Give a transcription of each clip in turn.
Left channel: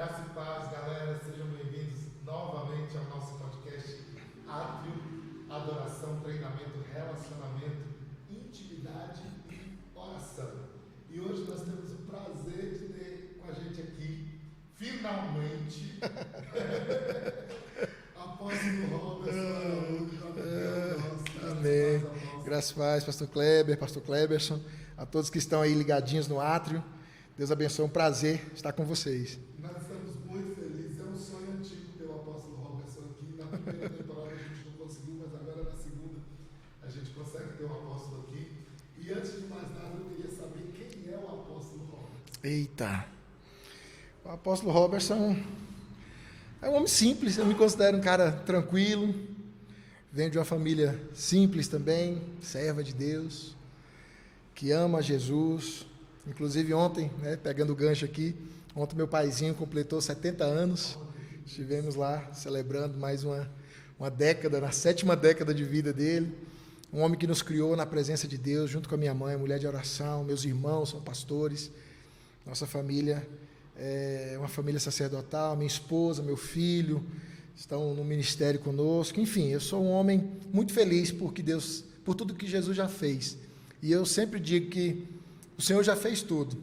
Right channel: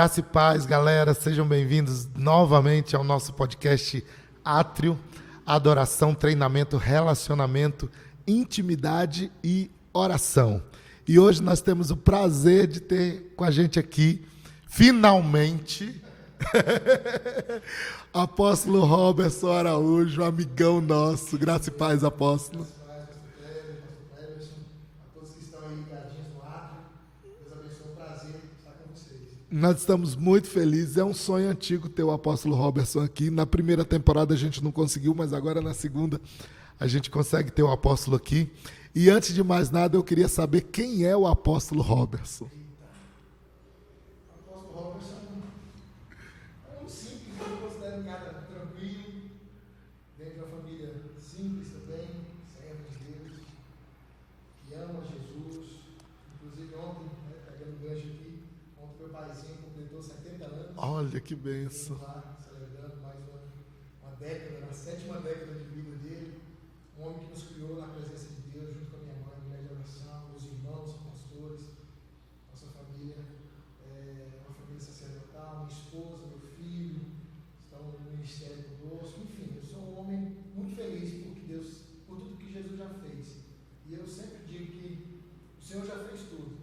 Graça e paz, galera, sejam bem-vindos novamente ao nosso podcast Átrio, adoração, treinamento, relacionamento, intimidade e oração. E hoje nós temos o prazer de ter com a gente aqui, finalmente, apóstolo Roberson Araújo, amigão nosso. Graça e paz, apóstolo. Graça e paz, pastor Kleber, pastor Kleberson, a todos que estão aí ligadinhos no Átrio. Deus abençoe, é um prazer estar com vocês. Nós estamos muito felizes, é um sonho antigo ter o apóstolo Roberson aqui. Na primeira temporada a gente não conseguiu, mas agora na segunda a gente consegue ter o apóstolo aqui. E antes de mais nada, eu queria saber quem é o apóstolo Roberson. Eita! O apóstolo Roberson é um homem simples, eu me considero um cara tranquilo, venho de uma família simples também, serva de Deus, que ama Jesus. Inclusive ontem, pegando o gancho aqui, ontem meu paizinho completou 70 anos. Olha que bênção. Estivemos lá celebrando mais uma década, na 7ª década de vida dele. Um homem que nos criou na presença de Deus, junto com a minha mãe, mulher de oração, meus irmãos são pastores. Nossa família é uma família sacerdotal, minha esposa, meu filho estão no ministério conosco. Enfim, eu sou um homem muito feliz por tudo que Jesus já fez. E eu sempre digo que o Senhor já fez tudo,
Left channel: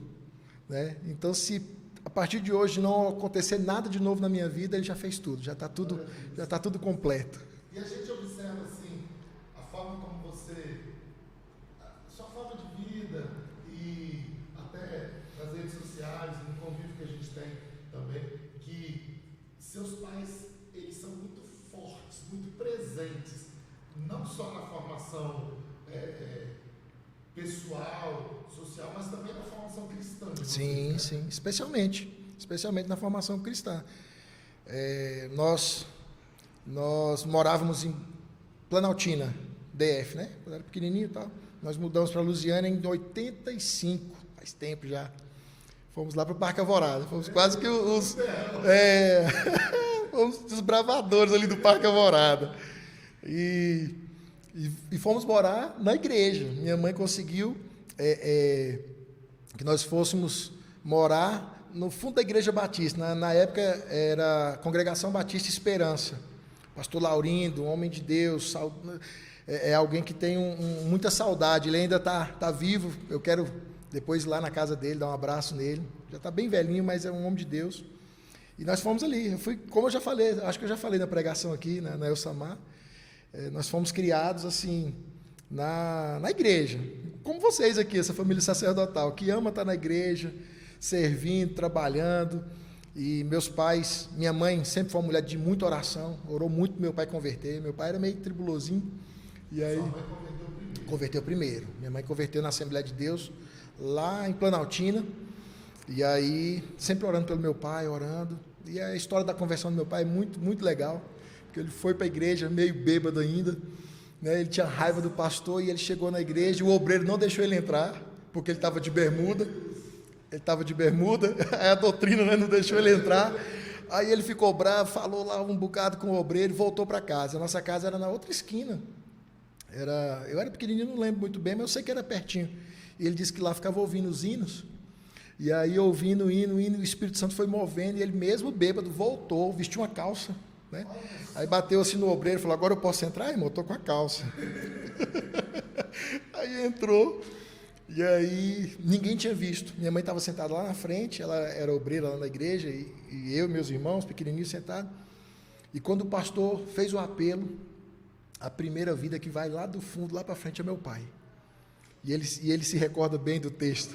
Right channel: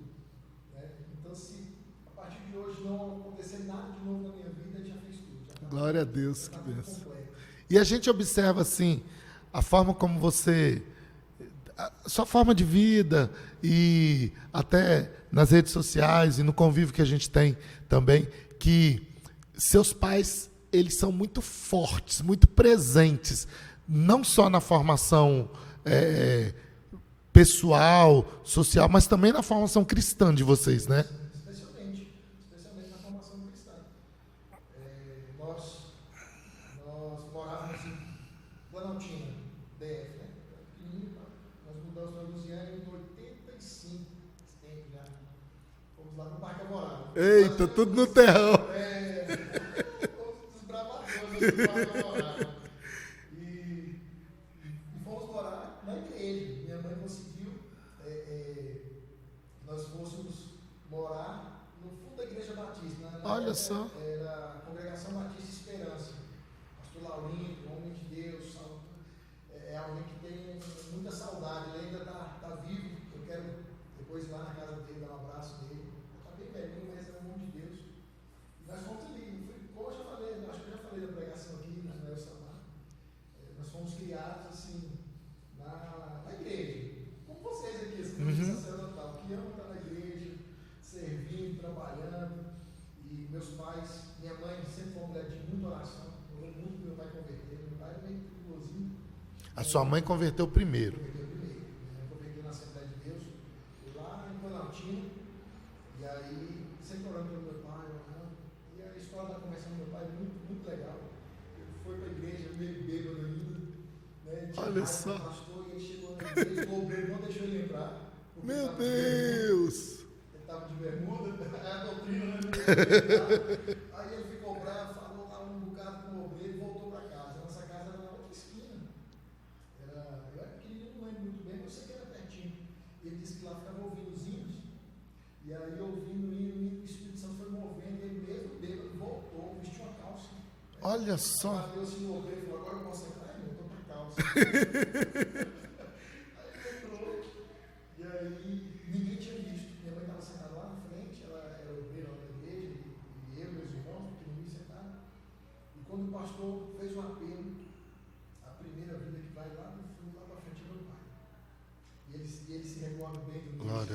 né? Então, se a partir de hoje não acontecer nada de novo na minha vida, Ele já fez tudo, já está tudo, já está tudo completo. E a gente observa assim a forma como a sua forma de vida e até nas redes sociais e no convívio que a gente tem também, que seus pais eles são muito fortes, muito presentes, não só na formação pessoal, social, mas também na formação cristã de vocês, sim, né? Sim, especialmente na formação cristã. Nós morávamos em Planaltina, DF, né? Quando era pequenininho e tal. Nós mudamos para Lusiânia em 85, faz tempo já. Fomos lá para o Parque Alvorada. Fomos quase que tudo no terrão. Fomos desbravadores ali do Parque Alvorada. E fomos morar na igreja. Minha mãe conseguiu que nós fôssemos morar no fundo da Igreja Batista. Na época era a Congregação Batista Esperança. Pastor Laurindo, um homem de Deus, alguém que tem muita saudade. Ele ainda tá vivo. Eu quero depois ir lá na casa dele, dar um abraço nele. Já está bem velhinho, mas é um homem de Deus. E nós fomos ali. Eu fui, como eu já falei, acho que eu já falei na pregação aqui, na Elsamar. Nós fomos criados assim na igreja, como vocês aqui, essa família sacerdotal, que ama estar na igreja, servindo, trabalhando. E meus pais, minha mãe sempre foi uma mulher de muita oração, orou muito para meu pai converter. Meu pai era meio tribulosinho. Sua mãe converteu primeiro? Converteu primeiro. Minha mãe converteu na Assembleia de Deus, lá em Planaltina. E aí, sempre orando pelo meu pai, orando. E a história da conversão do meu pai é muito, muito legal. Ele foi para a igreja meio bêbado ainda, né? Ele tinha raiva do pastor e ele chegou na igreja e o obreiro não deixou ele entrar, porque ele estava de bermuda. Ele estava de bermuda, a doutrina, né, não deixou ele entrar. Aí ele ficou bravo, falou lá um bocado com o obreiro e voltou para casa. A nossa casa era na outra esquina. Eu era pequenininho, não lembro muito bem, mas eu sei que era pertinho. E ele disse que lá ficava ouvindo os hinos. E aí, ouvindo o hino, o Espírito Santo foi movendo e ele mesmo bêbado voltou, vestiu uma calça. Né? Olha só. Aí bateu assim no obreiro e falou: agora eu posso entrar, irmão? Eu tô com a calça. Aí entrou, e aí ninguém tinha visto. Minha mãe estava sentada lá na frente, ela era obreira lá na igreja, e eu e meus irmãos, pequenininhos, sentados. E quando o pastor fez o apelo, a primeira vida que vai lá do fundo, lá para frente, é meu pai. E ele se recorda bem do texto.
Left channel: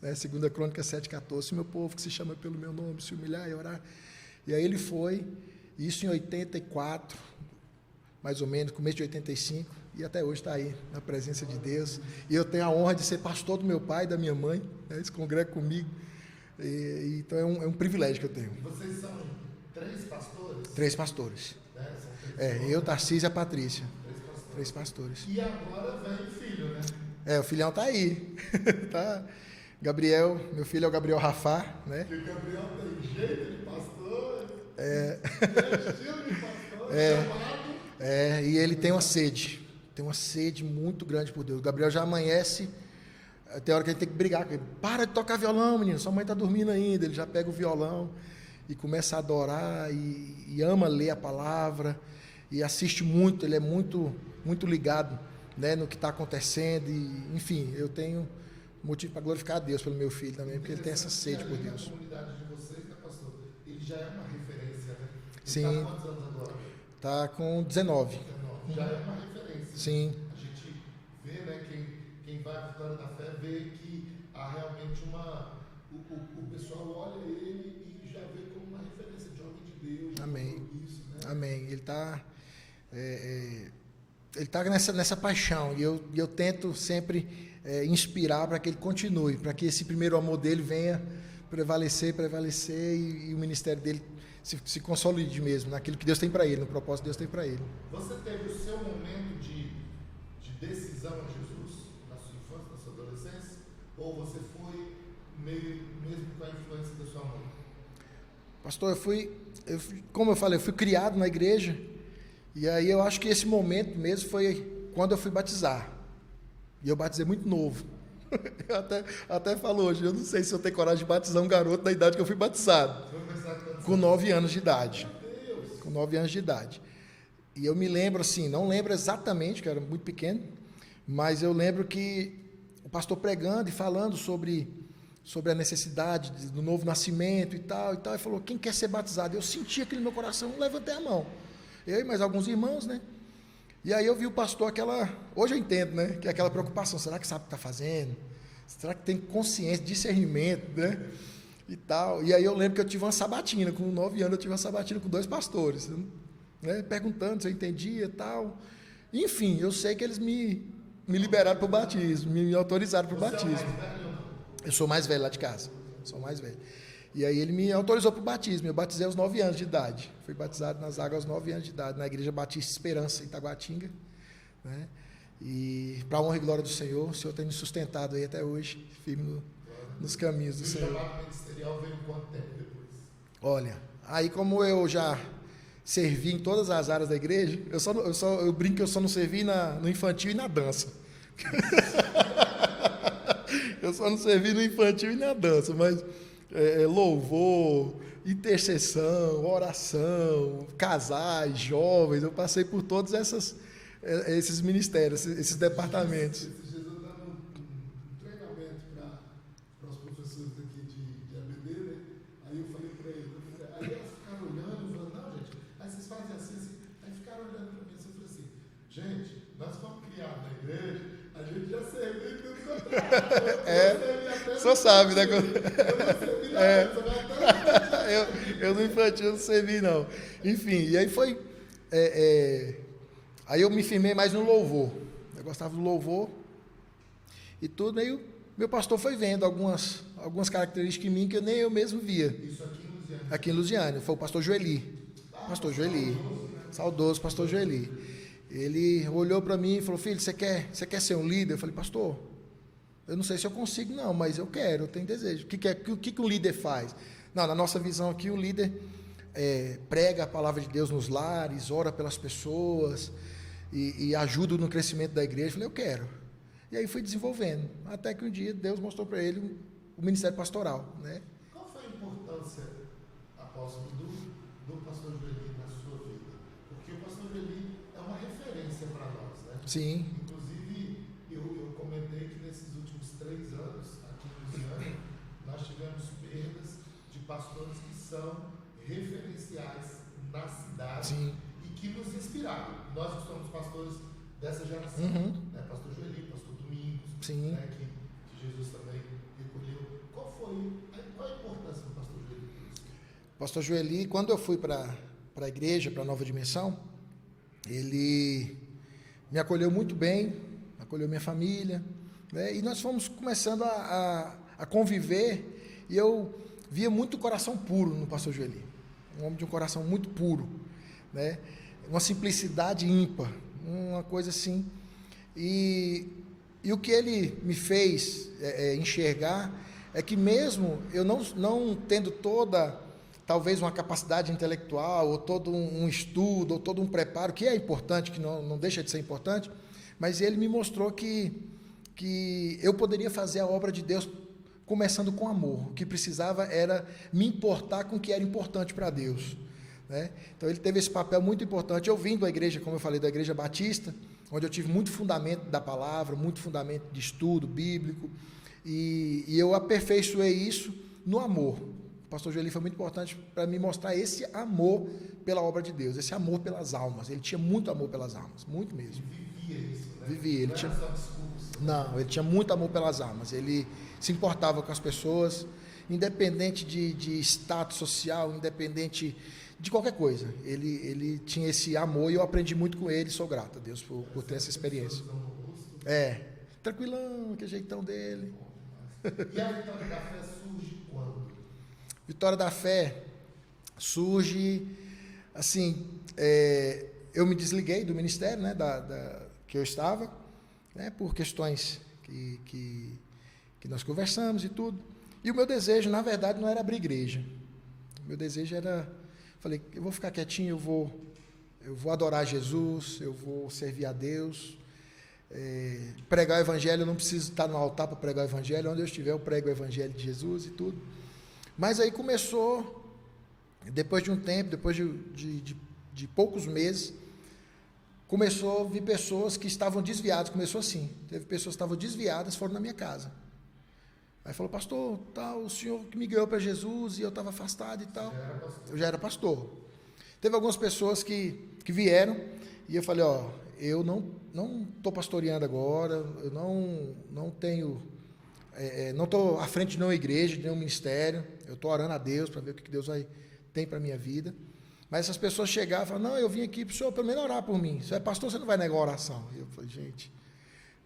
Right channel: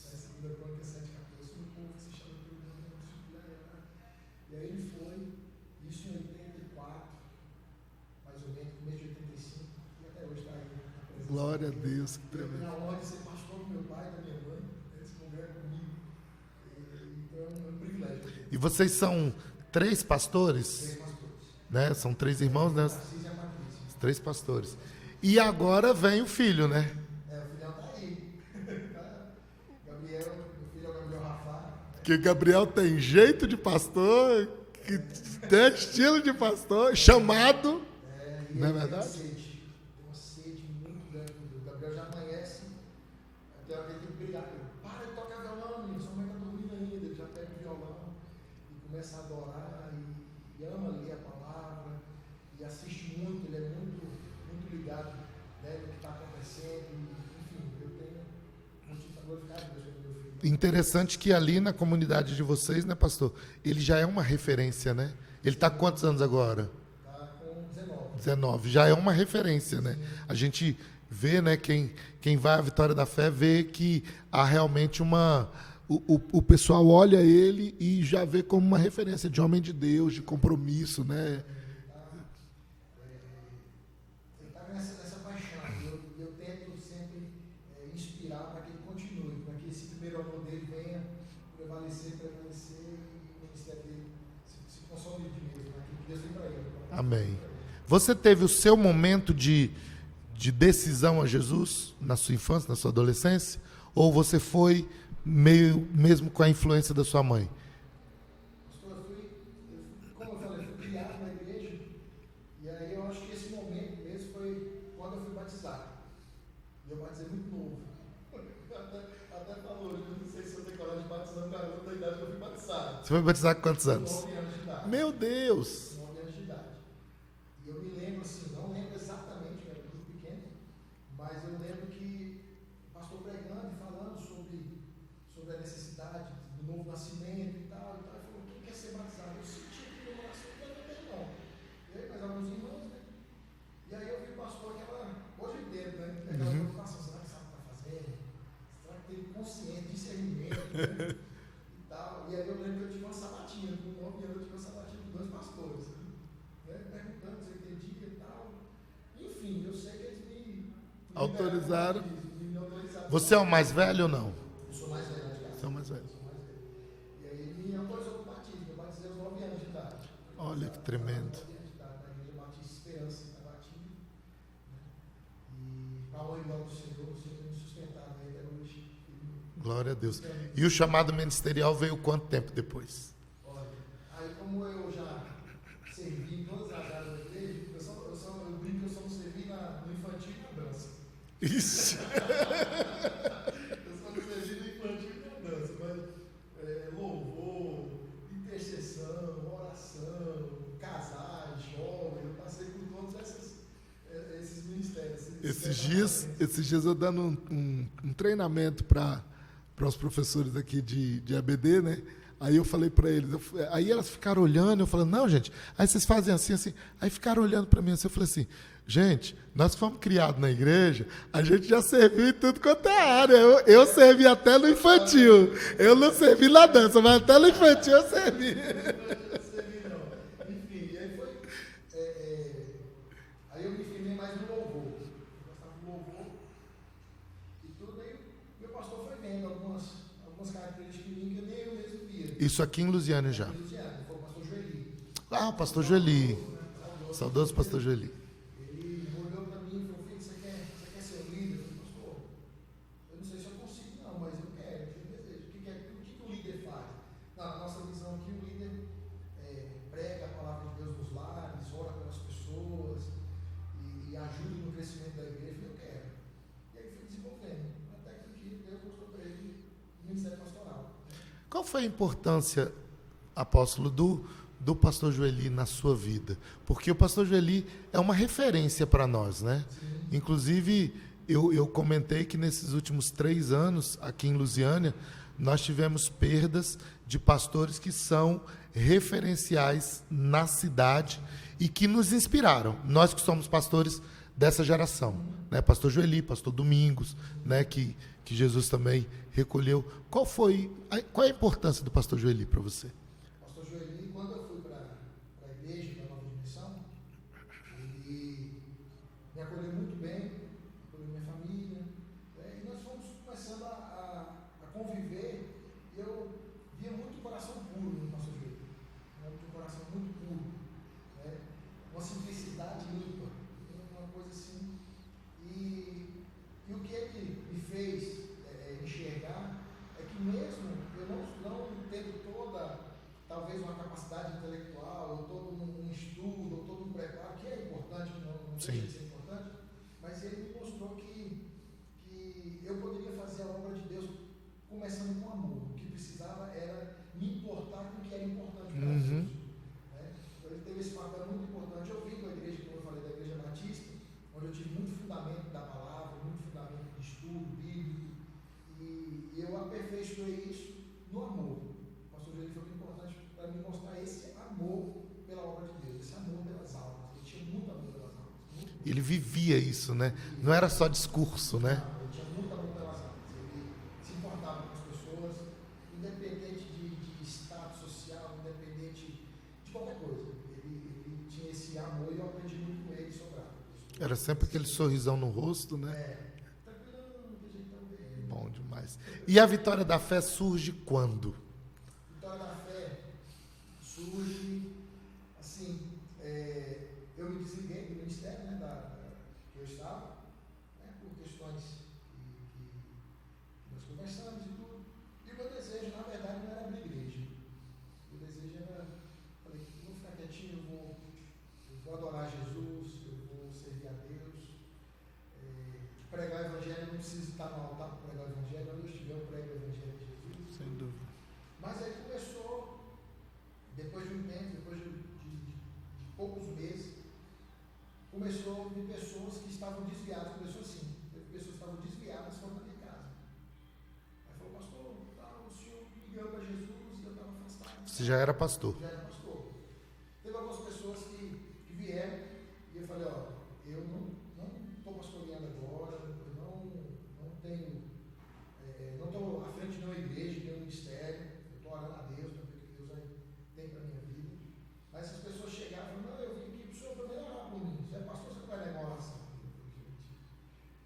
Né? 2 Crônicas 7,14. Se meu povo que se chama pelo meu nome se humilhar e orar. E aí ele foi. Isso em 84, mais ou menos, começo de 85, e até hoje está aí, na presença de Deus. E eu tenho a honra de ser pastor do meu pai e da minha mãe, né? Eles congregam comigo. Então é um privilégio que eu tenho. E vocês são 3 pastores? 3 pastores. Né? São 3 irmãos? Eu, Tarcísio e a Patrícia. 3 pastores. 3 pastores. E agora vem o filho, né? O filhão está aí. Tá. Gabriel, meu filho é o Gabriel Rafá, né? Que o Gabriel tem jeito de pastor, tem estilo de pastor, chamado. E ele tem uma sede muito grande por Deus. O Gabriel já amanhece, tem hora que ele tem que brigar com ele. Para de tocar violão, menino, sua mãe está dormindo ainda. Ele já pega o violão e começa a adorar e ama ler a palavra e assiste muito, ele é muito, muito ligado, né, no que está acontecendo e, enfim, eu tenho motivo para glorificar a Deus pelo meu filho. Também, interessante que ali na comunidade de vocês, né, pastor, ele já é uma referência, né? Ele está com quantos anos agora? Está com 19. 19, já é uma referência, Sim. né? A gente vê, né, quem vai à Vitória da Fé vê que há realmente o pessoal olha ele e já vê como uma referência de homem de Deus, de compromisso, né? Amém. Ele tá nessa paixão e eu tento sempre inspirar para que ele continue, para que esse primeiro amor dele venha prevalecer e o ministério dele se consolide mesmo naquilo que Deus tem para ele, no propósito que Deus tem para ele. Você teve o seu momento de decisão a Jesus na sua infância, na sua adolescência? Ou você foi mesmo com a influência da sua mãe? Pastor, como eu falei, eu fui criado na igreja, e aí eu acho que esse momento mesmo foi quando eu fui batizar. E eu batizei muito novo. até falo hoje, eu não sei se eu tenho coragem de batizar um garoto da idade que eu fui batizado. Você foi batizar com quantos anos? Com 9 anos de idade. Meu Deus! Com 9 anos de idade. E eu me lembro assim, não lembro exatamente, que eu era muito pequeno, mas eu lembro que o pastor pregando e falando sobre a necessidade do novo nascimento e tal, e falou, quem quer ser batizado? Eu senti aquilo no meu coração, levantei a mão. Eu e mais alguns irmãos, né? E aí eu vi o pastor hoje eu entendo, né? Que é aquela preocupação, será que sabe o que está fazendo? Será que tem consciência, discernimento, né? E tal. E aí eu lembro que eu tive uma sabatina, com 9 anos eu tive uma sabatina com 2 pastores, né? Perguntando se eu entendia e tal. Enfim, eu sei que eles me liberaram para o batismo, me autorizaram para o batismo. Você é o mais velho ou não? Eu sou mais velho lá de casa. Sou mais velho. E aí ele me autorizou para o batismo. Eu batizei aos 9 anos de idade. Fui batizado nas águas aos 9 anos de idade, na Igreja Batista Esperança, em Itaguatinga. Né? E para a honra e glória do Senhor, o Senhor tem me sustentado aí até hoje, firme nos caminhos. E o chamado ministerial veio quanto tempo depois? Olha, aí como eu já servi em todas as áreas da igreja, eu brinco que eu só não servi no infantil e na dança. Eu só não servi no infantil e na dança, mas louvor, intercessão, oração, casais, jovens, eu passei por todos esses ministérios, esses departamentos. Esses dias eu dando um treinamento para os professores aqui de ABD, né? Aí eu falei para eles, aí elas ficaram olhando, eu falando, não, gente, aí vocês fazem assim, assim. Aí ficaram olhando para mim assim, eu falei assim, gente, nós fomos criados na igreja, a gente já serviu em tudo quanto é área. Eu servi até no infantil. Sabe, né? Eu não servi na dança, mas até no infantil eu servi. Eu no infantil não servi, não. Enfim, e aí foi... Aí eu me firmei mais no louvor. Eu gostava do louvor e tudo, aí meu pastor foi vendo algumas características em mim que nem eu mesmo via. Isso aqui em Lusiânia já? Aqui em Lusiânia, foi o pastor Joeli. Pastor Joeli. Saudoso pastor Joeli. Ele olhou para mim e falou, filho, você quer ser um líder? Eu falei, pastor, eu não sei se eu consigo não, mas eu tenho desejo. O que um líder faz? Não, na nossa visão aqui, o líder prega a palavra de Deus nos lares, ora pelas pessoas e ajuda no crescimento da igreja. Eu falei, eu quero. E aí fui desenvolvendo, até que um dia Deus mostrou para ele o ministério pastoral. Né? Qual foi a importância, apóstolo, do pastor Joeli na sua vida? Porque o pastor Joeli é uma referência para nós, né? Sim. Inclusive, eu comentei que nesses últimos 3 anos, aqui em Lusiânia, nós tivemos perdas de pastores que são referenciais na cidade. Sim. E que nos inspiraram. Nós que somos pastores dessa geração. Né? Pastor Joeli, pastor Domingos, né? que Jesus também recolheu. Qual é a importância do pastor Joeli para você? Pastor Joeli, quando eu fui para a igreja, para a Nova Dimensão, ele me acolheu muito bem, acolheu minha família, né? E nós fomos começando a conviver, e eu via muito coração puro no pastor Joeli, um homem de um coração muito puro, né? Uma simplicidade ímpar, uma coisa assim, e o que ele me fez enxergar é que mesmo eu não tendo talvez uma capacidade intelectual, ou todo um estudo, ou todo um preparo, que é importante, que não deixa de ser importante, mas ele me mostrou que eu poderia fazer a obra de Deus começando com amor. O que precisava era me importar com o que era importante para Deus. Né? Então ele teve esse papel muito importante. Eu vim da igreja, como eu falei, da Igreja Batista, onde eu tive muito fundamento da palavra, muito fundamento de estudo bíblico, e eu aperfeiçoei isso no amor. O pastor Joeli foi muito importante para me mostrar esse amor pela obra de Deus, esse amor pelas almas. Ele tinha muito amor pelas almas, muito mesmo. Ele vivia isso, né? Vivia. Não era só discurso, né? Não, ele tinha muito amor pelas almas. Ele se importava com as pessoas, independente de status social, independente de qualquer coisa. Ele tinha esse amor e eu aprendi muito com ele, sou grato a Deus por Era ter sempre essa aquele experiência. sorrisão no rosto, né? Tranquilão, que jeitão dele. Bom demais. E a Vitória da Fé surge quando? Vitória da Fé surge, assim, eu me desliguei do ministério, né, que eu estava, né, por questões que nós conversamos e tudo. E o meu desejo, na verdade, não era abrir igreja. O meu desejo era, falei, eu vou ficar quietinho, eu vou adorar Jesus, eu vou servir a Deus. Pregar o evangelho, eu não preciso estar no altar para pregar o evangelho, onde eu estiver eu prego o evangelho de Jesus e tudo. Mas aí começou, depois de um tempo, depois de poucos meses, começou a vir pessoas que estavam desviadas, começou assim, teve pessoas que estavam desviadas, foram na minha casa. Aí falou, pastor, tal, o senhor que me ganhou para Jesus e eu estava afastado e tal. Você já era pastor? Eu já era pastor. Teve algumas pessoas que vieram e eu falei, eu não estou pastoreando agora, eu não tenho, não estou à frente de nenhuma igreja, de nenhum ministério, eu estou orando a Deus para ver o que Deus tem para a minha vida. Mas essas pessoas chegavam e falavam, não, eu vim aqui para o senhor pelo menos orar por mim, você é pastor, você não vai negar a oração. E eu falei, gente,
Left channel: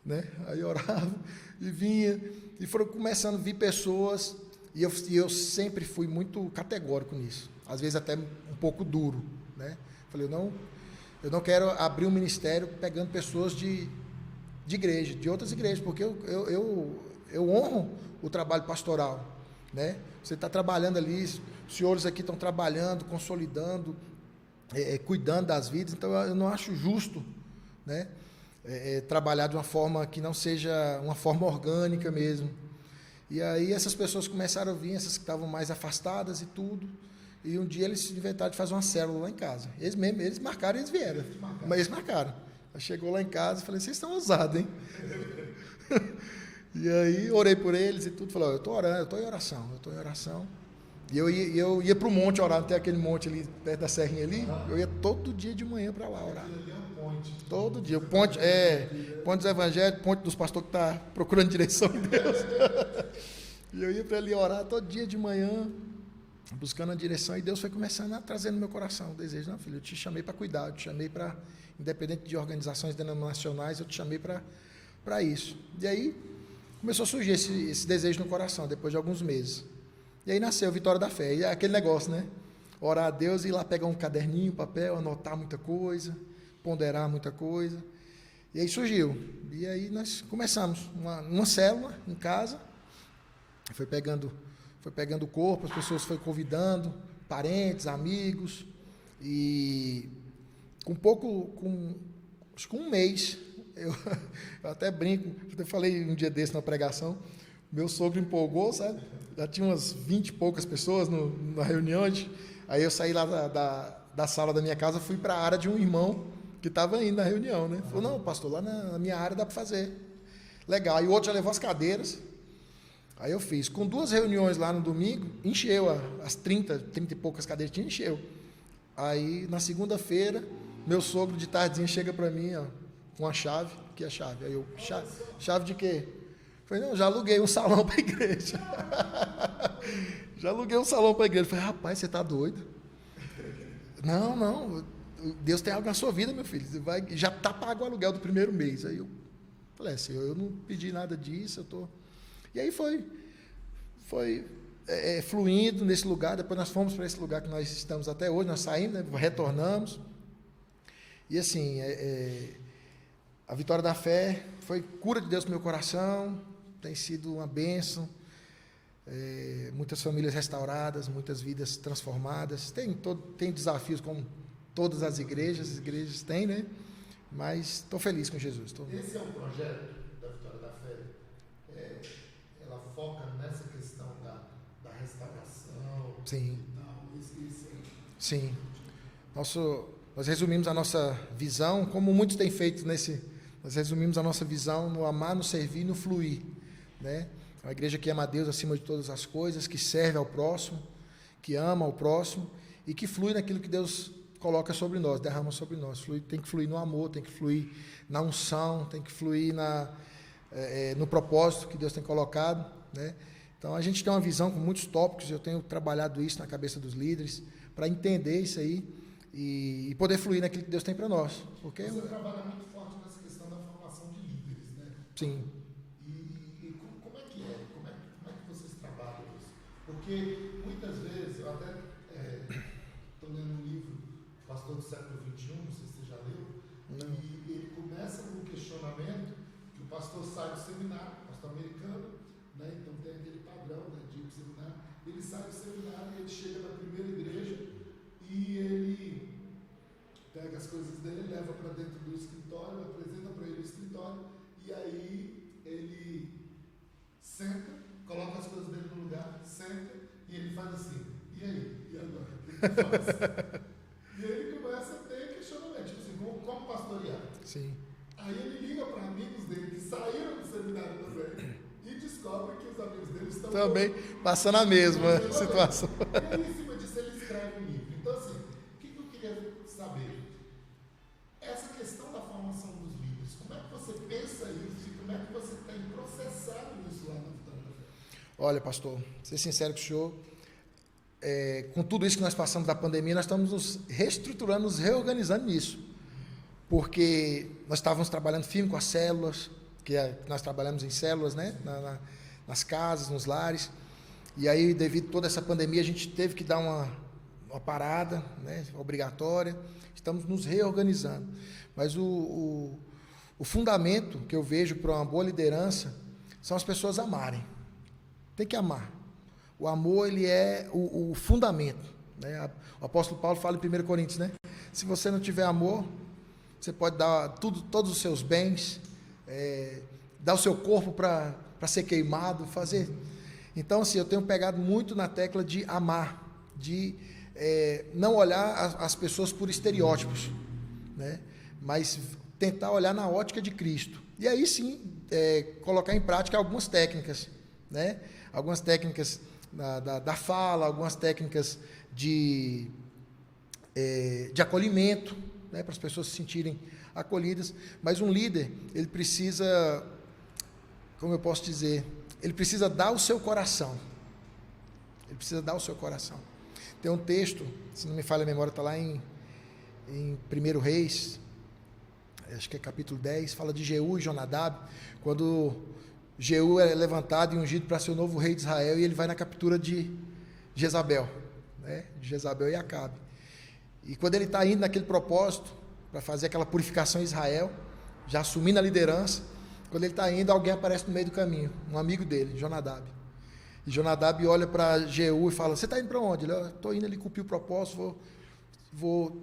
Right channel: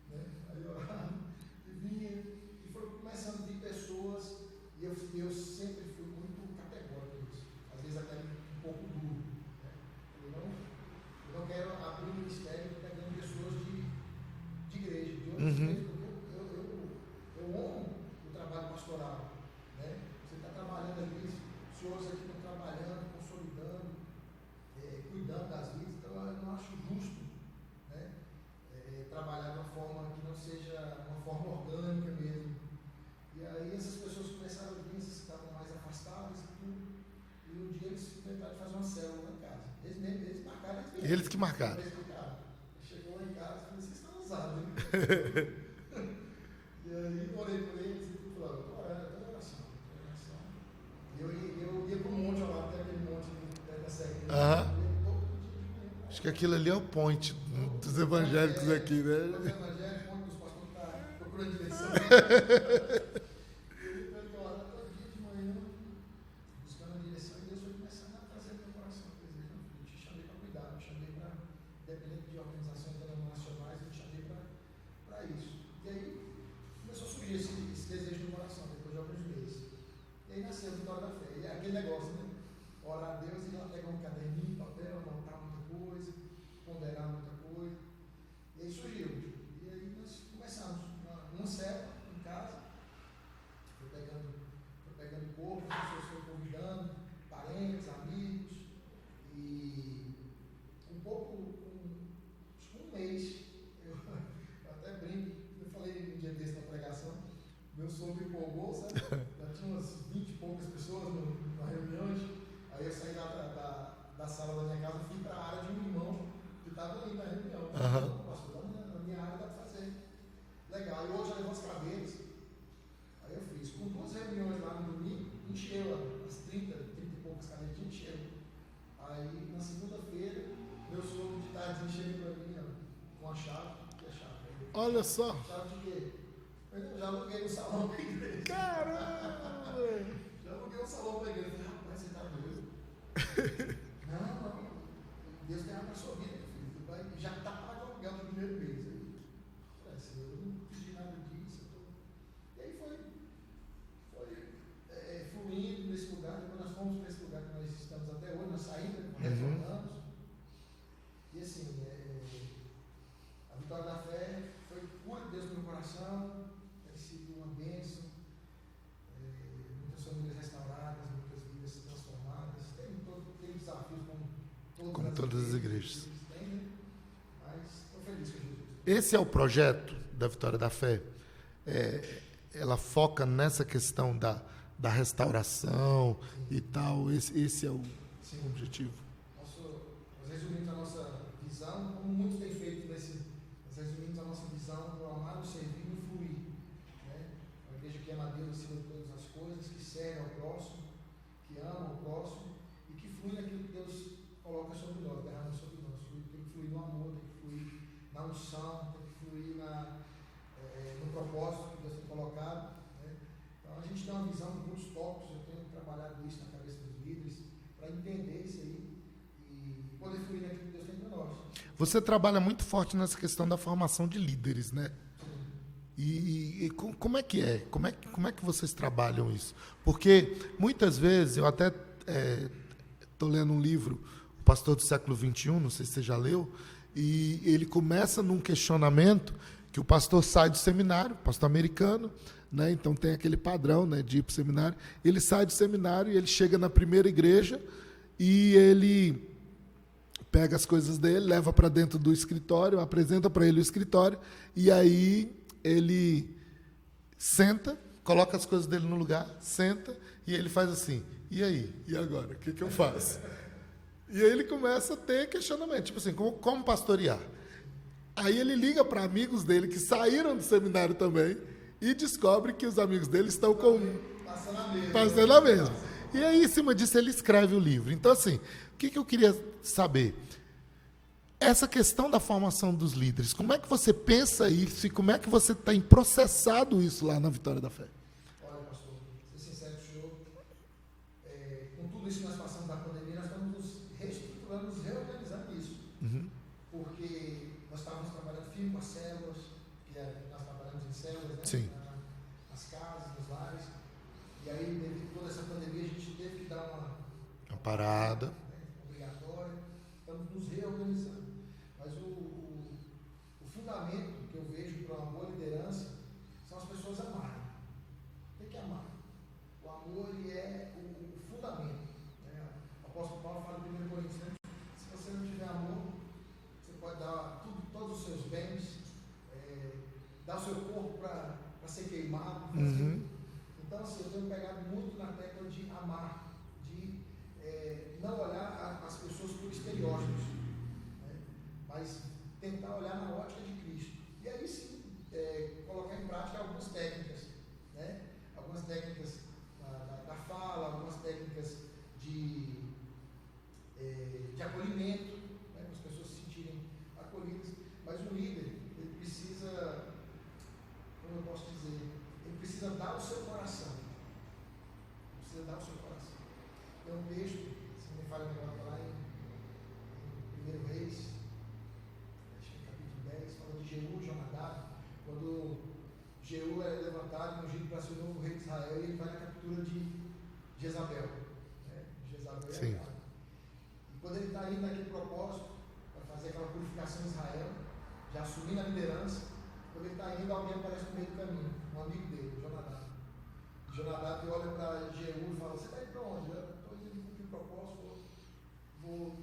né? Aí eu orava e vinha, e foram começando a vir pessoas, e eu sempre fui muito categórico nisso, às vezes até um pouco duro, né? Falei, eu não quero abrir um ministério pegando pessoas de igreja, de outras igrejas, porque eu honro o trabalho pastoral, né? Você está trabalhando ali, os senhores aqui estão trabalhando, consolidando, cuidando das vidas, então eu não acho justo, né? Trabalhar de uma forma que não seja uma forma orgânica mesmo. E aí essas pessoas começaram a vir, essas que estavam mais afastadas e tudo. E um dia eles inventaram de fazer uma célula lá em casa. Eles marcaram e eles vieram. Eles que marcaram. Mas eles marcaram. Aí chegou lá em casa e falei, vocês estão ousados, hein? E aí orei por eles e tudo. Falei, eu estou orando, eu estou em oração. E eu ia para o monte orar, tem aquele monte ali perto da serrinha ali. Eu ia todo dia de manhã para lá. Acho que aquilo ali é o ponte. Todo dia. O ponte aqui, né? Ponte dos evangelhos, ponte dos pastores que estão procurando direção de Deus. E eu ia para ali orar todo dia de manhã, buscando a direção, e Deus foi começando a trazer no meu coração o desejo. Não, filho, eu te chamei para cuidar, eu te chamei para, independente de organizações denominacionais, eu te chamei para isso. E aí começou a surgir esse desejo no coração, depois de alguns meses. E aí nasceu a Vitória da Fé. E é aquele negócio, né? Orar a Deus e ir lá pegar um caderninho, papel, anotar muita coisa, ponderar muita coisa. E aí surgiu. E aí nós começamos uma célula em casa. Foi pegando o corpo, as pessoas foram convidando, parentes, amigos. E acho que um mês, eu até brinco, eu falei um dia desse na pregação, meu sogro empolgou, sabe? Já tinha umas 20 e poucas pessoas na reunião. Aí eu saí lá da sala da minha casa, fui para a área de um irmão que estava indo na reunião, né? Falou, não, pastor, lá na minha área dá para fazer. Legal. E o outro já levou as cadeiras. Aí eu fiz. Com 2 reuniões lá no domingo, encheu as 30 e poucas cadeiras, encheu. Aí, na segunda-feira, meu sogro de tardezinha chega para mim, ó, com a chave. Que é a chave? Aí eu, olha só. Chave de quê? Falei, não, já aluguei um salão para a igreja. Já aluguei um salão para a igreja. Falei, rapaz, você está doido? Não, Deus tem algo na sua vida, meu filho. Você já está pago o aluguel do primeiro mês. Aí eu falei, Senhor, eu não pedi nada disso, E aí foi fluindo nesse lugar. Depois nós fomos para esse lugar que nós estamos até hoje, nós saímos, né, retornamos. E assim, a Vitória da Fé foi cura de Deus no meu coração, tem sido uma bênção, muitas famílias restauradas, muitas vidas transformadas. Tem desafios como todas as igrejas têm, né? Mas estou feliz com Jesus. Esse é o projeto da Vitória da Fé? ela foca nessa questão da restauração Sim. e tal. Esse é o Sim. objetivo. Nós resumimos a nossa visão, como muitos têm feito nós resumimos a nossa visão no amar, no servir e no fluir, né? Uma igreja que ama a Deus acima de todas as coisas, que serve ao próximo, que ama ao próximo e que flui naquilo que Deus coloca sobre nós, derrama sobre nós. Tem que fluir no amor, tem que fluir na unção, tem que fluir no propósito que Deus tem colocado, né? Então a gente tem uma visão com muitos tópicos, eu tenho trabalhado isso na cabeça dos líderes, para entender isso aí e poder fluir naquilo que Deus tem para nós. Você trabalha muito forte nessa questão da formação de líderes, né? Sim. E como é que é? Como é que vocês trabalham isso? Porque muitas vezes, eu até estou lendo um livro, O Pastor do Século XXI, não sei se você já leu, e ele começa num questionamento que o pastor sai do seminário, pastor americano, né? Então tem aquele padrão, né, de ir para o seminário. Ele sai do seminário e ele chega na primeira igreja e ele pega as coisas dele, leva para dentro do escritório, apresenta para ele o escritório e aí ele senta, coloca as coisas dele no lugar, senta e ele faz assim, e aí? E agora? O que eu faço? E aí ele começa a ter questionamento, tipo assim, como pastorear? Sim. Aí ele liga para amigos dele que saíram do seminário também e descobre que os amigos dele estão também passando a mesma. Passando a mesma. E aí, em cima disso, ele escreve o livro. Então, assim, o que eu queria saber? Essa questão da formação dos líderes, como é que você pensa isso e como é que você tem processado isso lá na Vitória da Fé? Olha, pastor, ser sincero com o senhor, com tudo isso que nós passamos da pandemia, nós estamos nos reestruturando, nos reorganizando nisso. Uhum. Porque nós estávamos trabalhando firme com as células, nós trabalhamos em células, né? Nas casas, nos lares. E aí, devido a toda essa pandemia, a gente teve que dar uma parada, né? Obrigatória. Estamos nos reorganizando. Mas o fundamento que eu vejo para uma boa liderança são as pessoas amarem. Tem que amar. O amor, ele é o fundamento, né? O apóstolo Paulo fala em 1 Coríntios, né? Se você não tiver amor, você pode dar todos os seus bens, dar o seu corpo para ser queimado, fazer. Uhum. Então, assim, eu tenho pegado muito na tecla de amar, de não olhar as pessoas por estereótipos, né? Mas tentar olhar na ótica de Cristo. E aí sim, colocar em prática algumas técnicas, né? Algumas técnicas da fala, algumas técnicas de acolhimento, né? Para as pessoas se sentirem acolhidas. Mas um líder, ele precisa, como eu posso dizer, ele precisa dar o seu coração. Ele precisa dar o seu coração. Tem um texto, se não me falha a memória, está lá em 1 Reis, acho que é capítulo 10, fala de Jeú e Jonadab, quando Jeú é levantado e ungido para ser o novo rei de Israel, e ele vai na captura de Jezabel, né? De Jezabel e Acabe. E quando ele está indo naquele propósito, para fazer aquela purificação em Israel, já assumindo a liderança, quando ele está indo, alguém aparece no meio do caminho, um amigo dele, Jonadab. E Jonadab olha para Jeú e fala, você está indo para onde? Ele, estou indo ali cumprir o propósito, vou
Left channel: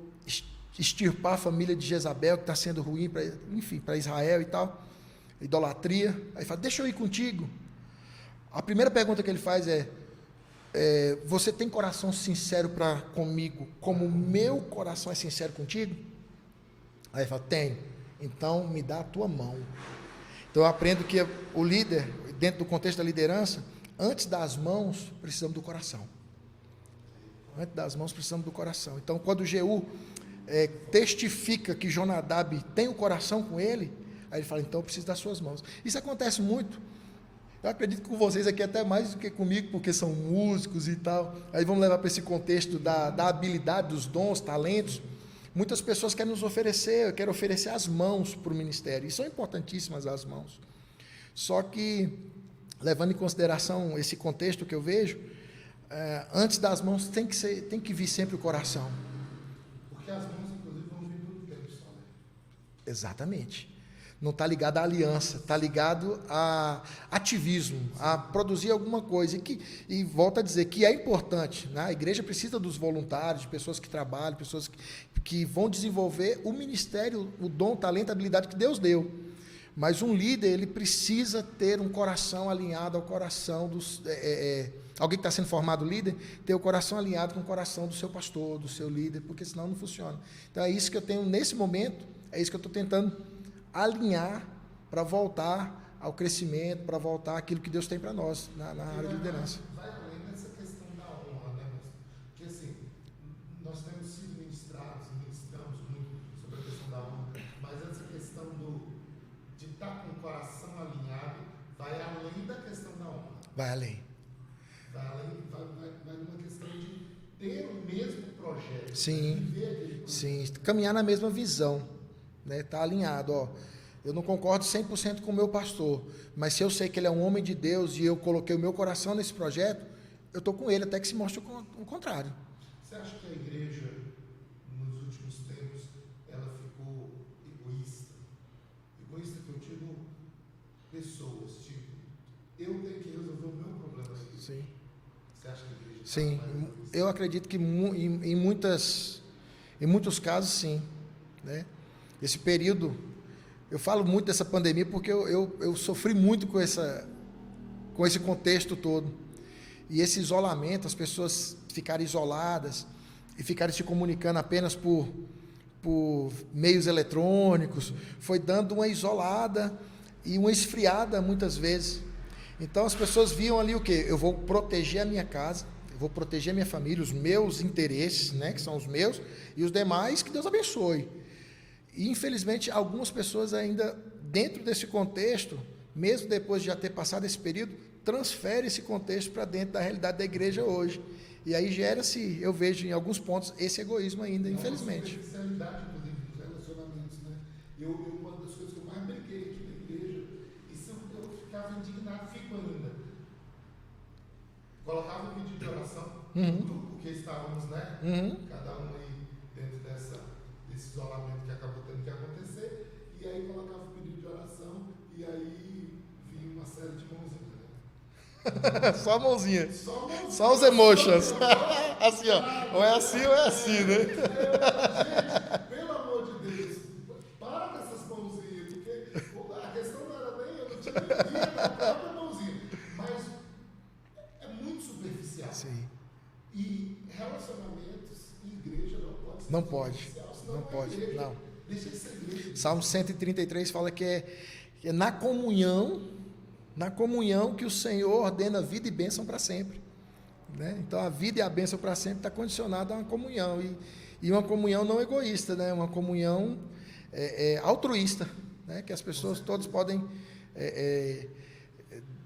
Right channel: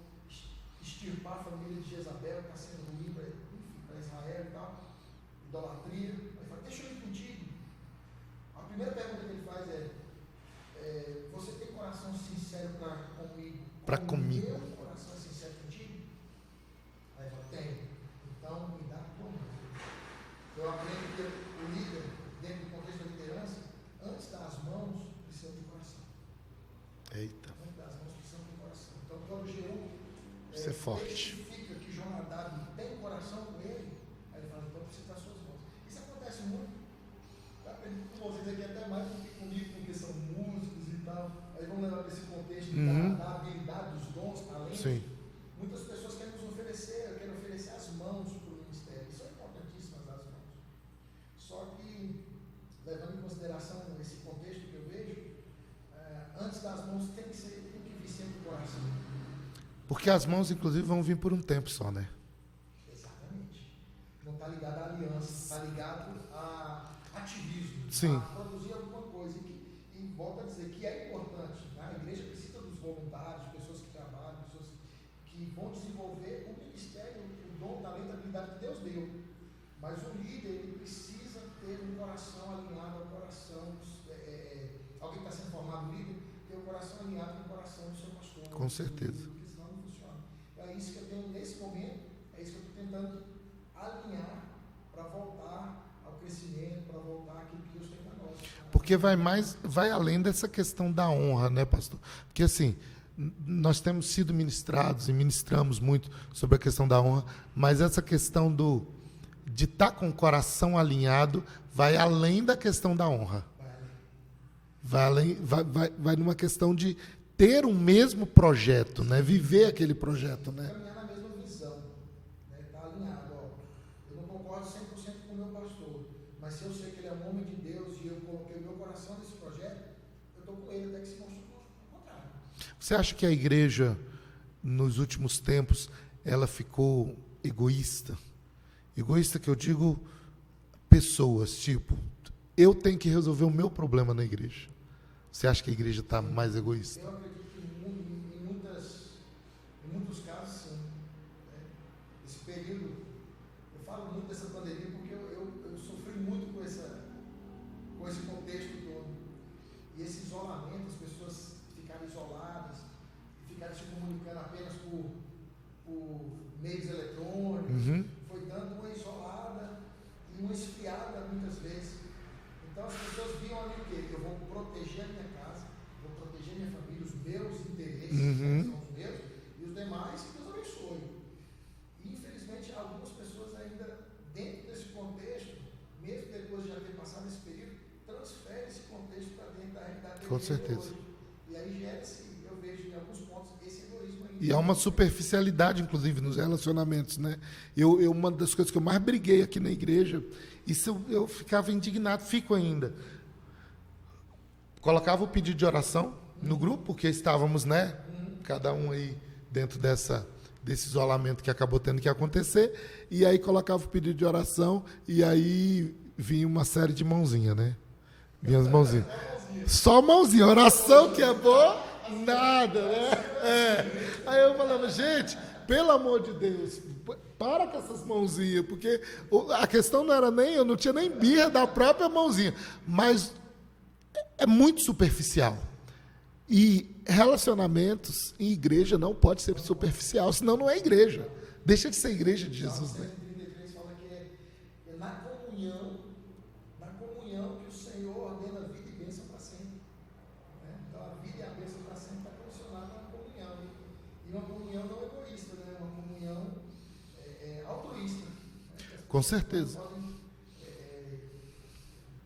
extirpar a família de Jezabel, que está sendo ruim, para Israel e tal, idolatria. Aí fala, deixa eu ir contigo. A primeira pergunta que ele faz você tem coração sincero comigo, como o meu coração é sincero contigo? Aí ele fala, tem. Então me dá a tua mão. Então eu aprendo que o líder, dentro do contexto da liderança, antes das mãos, precisamos do coração. Eita. Antes das mãos, precisamos do coração. Então, quando Jeú testifica que Jonadab tem o coração com ele, aí ele fala, então eu preciso das suas mãos. Isso acontece muito. Eu acredito que com vocês aqui até mais do que comigo, porque são músicos e tal. Aí vamos levar para esse contexto da habilidade, dos dons, talentos. Sim. Muitas pessoas querem nos oferecer, querem oferecer as mãos para o ministério. E são importantíssimas as mãos. Só que, levando em consideração esse contexto que eu vejo, antes das mãos tem que vir sempre o coração. Porque as mãos, inclusive, vão vir por um tempo só, né? Exatamente. Não está ligado à aliança, está ligado a ativismo, sim, a produzir alguma coisa. E volto a dizer que é importante, né? A igreja precisa dos voluntários, de pessoas que trabalham, pessoas que vão desenvolver o ministério, o dom, o talento, a habilidade que Deus deu. Mas um líder, ele precisa ter um coração alinhado ao coração dos... alguém que está sendo formado líder, ter o coração alinhado com o coração do seu pastor, do seu líder, porque senão não funciona. Então é isso que eu tenho nesse momento, é isso que eu estou tentando alinhar para voltar ao crescimento, para voltar àquilo que Deus tem para nós. Porque vai além dessa questão da honra, né, pastor? Porque assim, nós temos sido ministrados e ministramos muito sobre a questão da honra, mas essa questão de estar com o coração alinhado vai além da questão da honra. Vai além. Vai numa questão de ter um mesmo projeto, né? Viver aquele projeto. Sim, né? Caminhar na mesma visão, né? Tá alinhado. Ó, eu não concordo 100% com o meu pastor, mas se eu sei que ele é um homem de Deus e eu coloquei o meu coração nesse projeto, eu estou com ele até que se mostre o contrário. Você acha que a igreja, nos últimos tempos, ela ficou egoísta? Egoísta que eu digo pessoas, tipo, eu tenho que resolver o meu problema na igreja. Sim. Você acha que a igreja está mais egoísta? Eu acredito que em muitos casos, sim. Né? Esse período, eu falo muito dessa pandemia porque eu sofri muito com esse contexto todo. E esse isolamento, as pessoas ficarem isoladas e ficarem se comunicando apenas por meios eletrônicos, foi dando uma isolada e uma esfriada muitas vezes. Então as pessoas viam ali o quê? Eu vou proteger a minha casa, eu vou proteger a minha família, os meus interesses, né, que são os meus, e os demais, que Deus abençoe. E infelizmente algumas pessoas ainda, dentro desse contexto, mesmo depois de já ter passado esse período, transferem esse contexto para dentro da realidade da igreja hoje. E aí gera-se, eu vejo em alguns pontos, esse egoísmo ainda. E há uma superficialidade, inclusive, nos relacionamentos, né? Uma das coisas que eu mais briguei aqui na igreja, isso eu ficava indignado, fico ainda. Colocava o pedido de oração no grupo, porque estávamos, né? Cada um aí dentro desse isolamento que acabou tendo que acontecer, e aí colocava o pedido de oração, e aí vinha uma série de mãozinha, né? Só mãozinha. Só mãozinha. Só oração que é boa. Assim, nada, ou é assim ou é assim, né? Aí eu falo, gente, pelo amor de Deus, para com essas mãozinhas, porque a questão não era nem, eu não tinha nem birra da própria mãozinha, mas é muito superficial. Sim. E relacionamentos em igreja não pode ser superficial, senão não é igreja. Não. Deixa de ser igreja de Salmo 133 fala que é na comunhão que o Senhor ordena vida e bênção para sempre. Né? Então a vida e a bênção para sempre está condicionada a uma comunhão. E uma comunhão não egoísta, né? Uma comunhão altruísta, né? Que as pessoas todas podem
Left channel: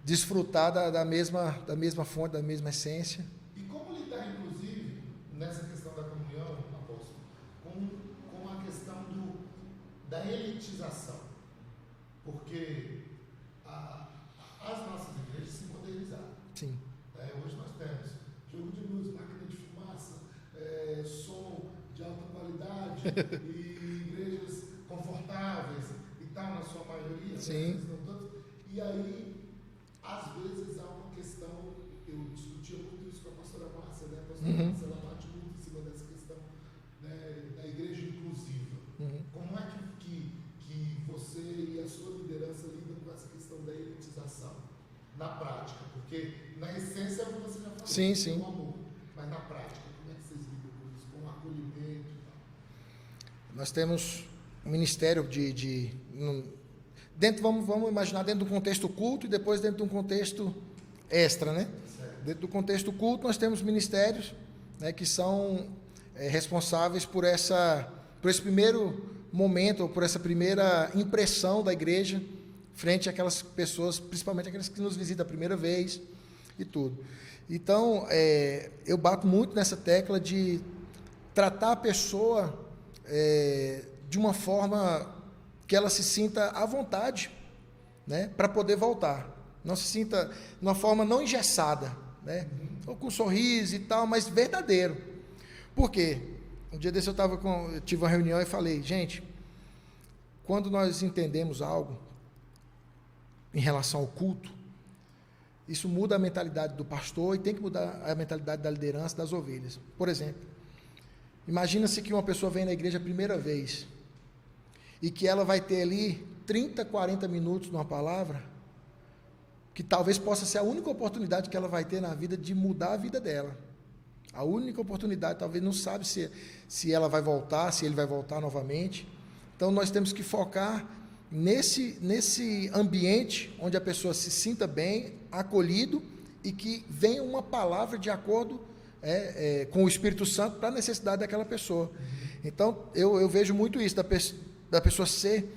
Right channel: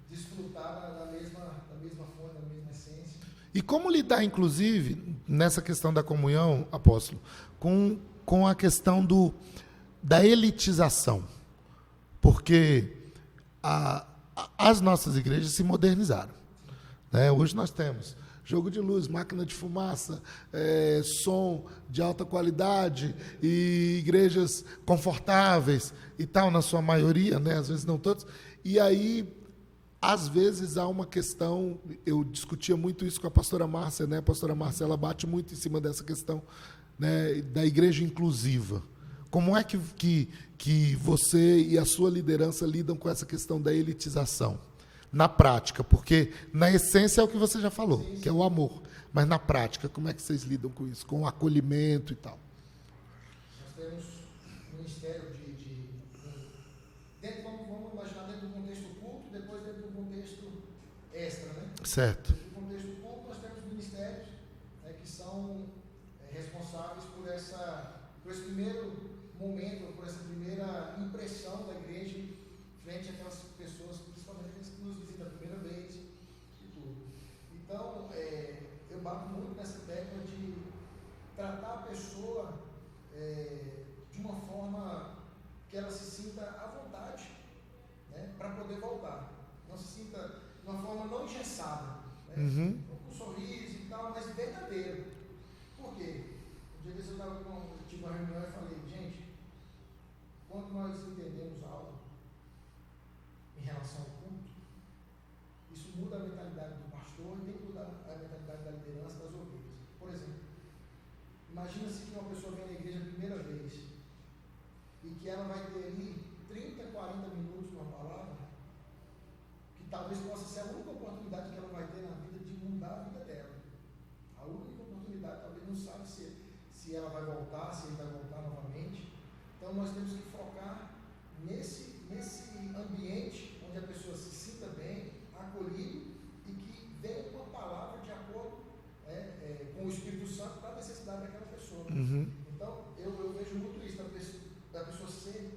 desfrutar da mesma fonte, da mesma essência. E como lidar, inclusive, nessa questão da comunhão, apóstolo, com a questão da elitização? Porque as nossas igrejas se modernizaram. Sim. Né? Hoje nós temos jogo de luz, máquina de fumaça, som de alta qualidade e igrejas confortáveis e tal, na sua maioria, né? Às vezes não todos. E aí, às vezes, há uma questão, eu discutia muito isso com a pastora Márcia, né? A pastora Márcia, ela bate muito em cima dessa questão, né, da igreja inclusiva. Como é que você e a sua liderança lidam com essa questão da elitização? Na prática, porque na essência é o que você já falou, que é o amor. Mas na prática, como é que vocês lidam com isso? Com o acolhimento e tal? Nós temos um ministério dentro, vamos imaginar, dentro do contexto culto e depois dentro de um contexto extra, né? Certo. Dentro do contexto culto, nós temos ministérios, né, que são responsáveis por esse primeiro momento, ou por essa primeira impressão da igreja frente àquelas pessoas, principalmente aquelas que nos visitam a primeira vez e tudo. Então, eu bato muito nessa tecla de tratar a pessoa de uma forma que ela se sinta à vontade, né, para poder voltar. Não se sinta de uma forma não engessada, né, ou com um sorriso e tal, mas verdadeiro. Por quê? Um dia desse eu tive uma reunião e falei, gente, quando nós entendemos algo em relação ao culto, isso muda a mentalidade do pastor e tem que mudar a mentalidade da liderança das ovelhas. Por exemplo, imagina-se que uma pessoa vem na igreja a primeira vez e que ela vai ter ali 30, 40 minutos numa palavra, que talvez possa ser a única oportunidade que ela vai ter na vida de mudar a vida dela. A única oportunidade, talvez não sabe se ela vai voltar, se ele vai voltar novamente. Então nós temos que focar nesse ambiente onde a pessoa se sinta bem, acolhido, e que venha uma palavra de acordo com o Espírito Santo para a necessidade daquela pessoa. Então eu vejo muito isso, da pessoa ser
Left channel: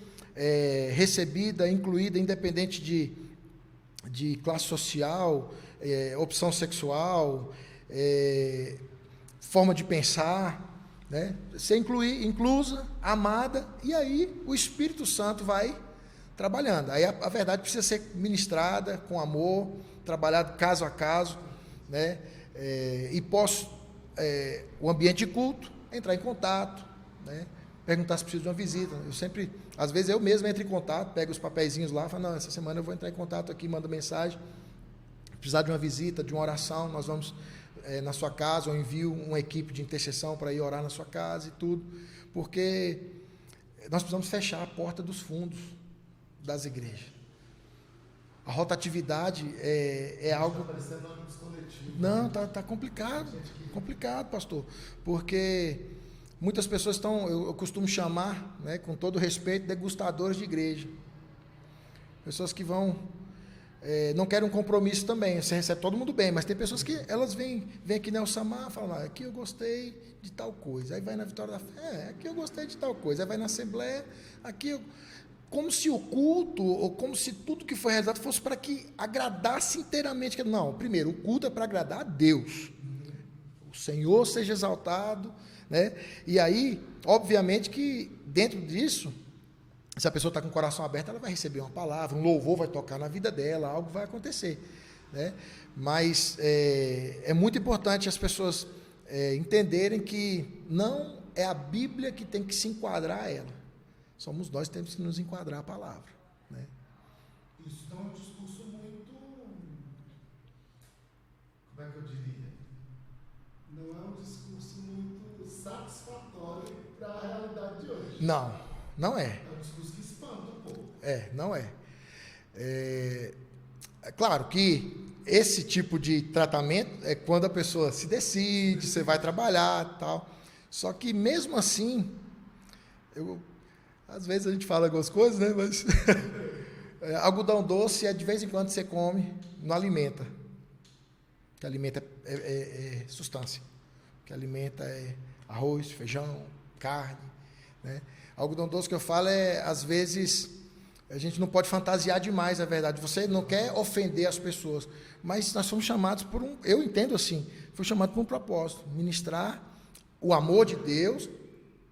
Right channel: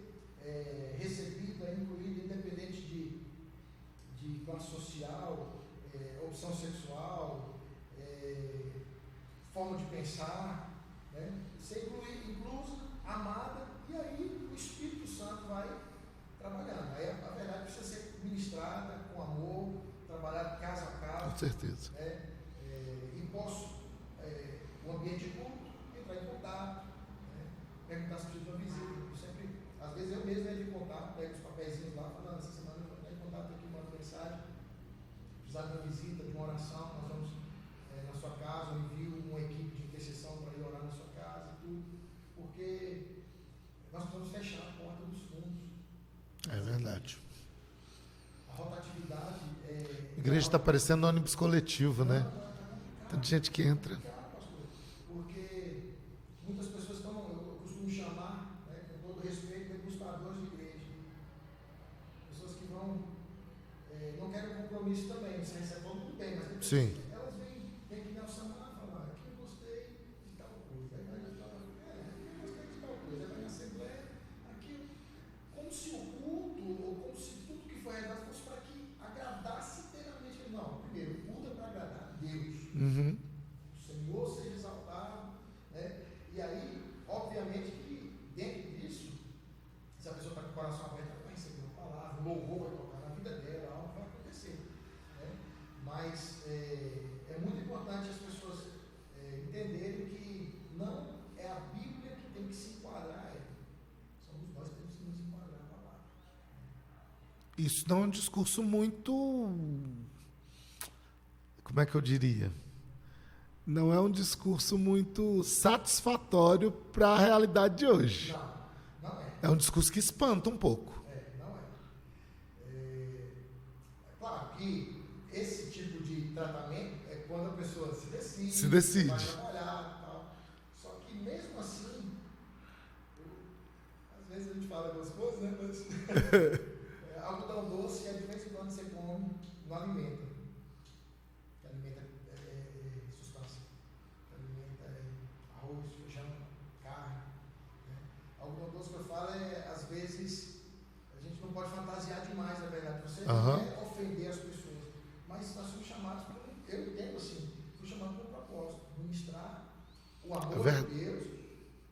recebida, incluída, independente de classe social, opção sexual, forma de pensar, né? Ser inclusa, amada, e aí o Espírito Santo vai trabalhando. Aí a verdade precisa ser ministrada com amor, trabalhada caso a caso. Com certeza. Né? E posso, o ambiente de culto, entrar em contato, né? Perguntar se precisa de uma visita. Eu sempre, às vezes eu mesmo entro em contato, pego os papeizinhos lá, falo, não, essa semana eu vou entrar em contato aqui, mando mensagem, precisar de uma visita, de uma oração, nós vamos na sua casa, ou envio uma equipe de intercessão para ir orar na sua casa e tudo, porque nós precisamos fechar a porta dos fundos das igrejas. A rotatividade a igreja algo... está parecendo um ônibus coletivo, Não, né? tá complicado. Tem gente que entra. Complicado, pastor, porque muitas pessoas estão, eu costumo chamar, né, com todo respeito, degustadores de igreja. Pessoas que vão, não querem um compromisso também, você recebe todo mundo bem, mas tem pessoas que elas vêm aqui na Elsamar e falam, aqui eu gostei de tal coisa, aí vai na Vitória da Fé, aqui eu gostei de tal coisa, aí vai na Assembleia, aqui eu... Como se o culto, ou como se tudo que foi realizado fosse para que agradasse inteiramente. Não, primeiro, o culto é para agradar a Deus. O Senhor seja exaltado, né? E aí, obviamente que dentro disso, se a pessoa está com o coração aberto, ela vai receber uma palavra, um louvor vai tocar na vida dela, algo vai acontecer, né? Mas é muito importante as pessoas entenderem que não é a Bíblia que tem que se enquadrar a ela. Somos nós que temos que nos enquadrar a palavra, né? Isso não é um discurso muito... Como é que eu diria? Não é um discurso muito satisfatório para a realidade de hoje. Não, não é. É um discurso que espanta um pouco. Não é. É claro que esse tipo de tratamento é quando a pessoa se decide. Você vai trabalhar e tal. Só que mesmo assim, às vezes a gente fala algumas coisas, né? Mas algodão doce de vez em quando você come, não alimenta. O que alimenta é substância. O que alimenta é arroz, feijão, carne, né? Algodão doce que eu falo às vezes, a gente não pode fantasiar demais, na verdade. Você não quer ofender as pessoas, mas nós somos chamados por eu entendo assim, fui chamado por um propósito, ministrar o amor de Deus,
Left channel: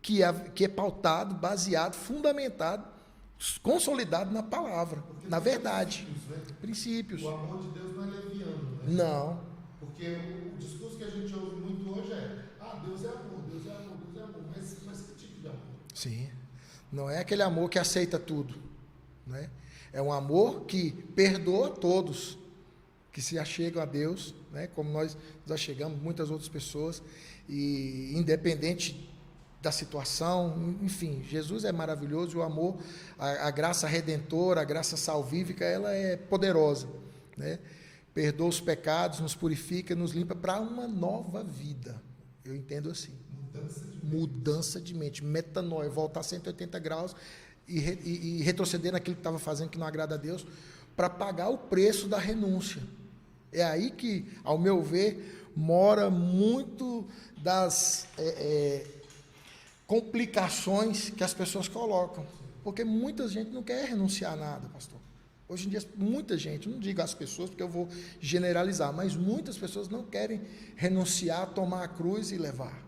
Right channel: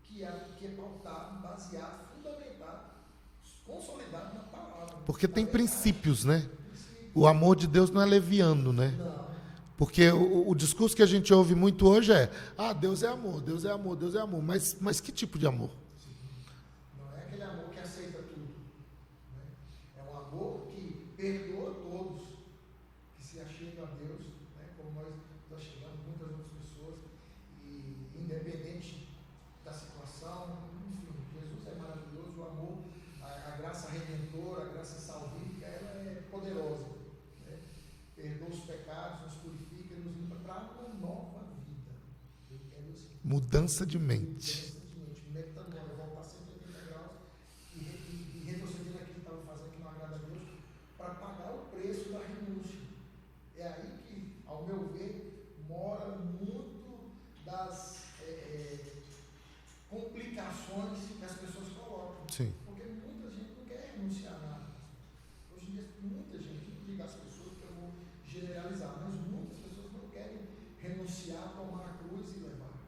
que é pautado, baseado, fundamentado, consolidado na palavra. Porque na tem verdade. Princípios, né? Princípios. O amor de Deus não é leviano, né? Não. Porque o discurso que a gente ouve muito hoje Deus é amor, Deus é amor, Deus é amor. Mas que tipo de amor? Sim. Não é aquele amor que aceita tudo, né? É um amor que perdoa todos, que se achegam a Deus, né? Como nós nos achegamos, muitas outras pessoas, e independente da situação, enfim, Jesus é maravilhoso, o amor, a graça redentora, a graça salvífica, ela é poderosa, né? Perdoa os pecados, nos purifica, nos limpa para uma nova vida. Eu entendo assim. Mudança de mente. Mudança de mente, metanoia, voltar 180 graus e retroceder naquilo que estava fazendo que não agrada a Deus, para pagar o preço da renúncia. É aí que, ao meu ver, mora muito das complicações que as pessoas colocam. Sim. Porque muita gente não quer renunciar a nada, pastor. Hoje em dia, muita gente, não digo as pessoas, porque eu vou generalizar, mas muitas pessoas não querem renunciar, tomar a cruz e levar.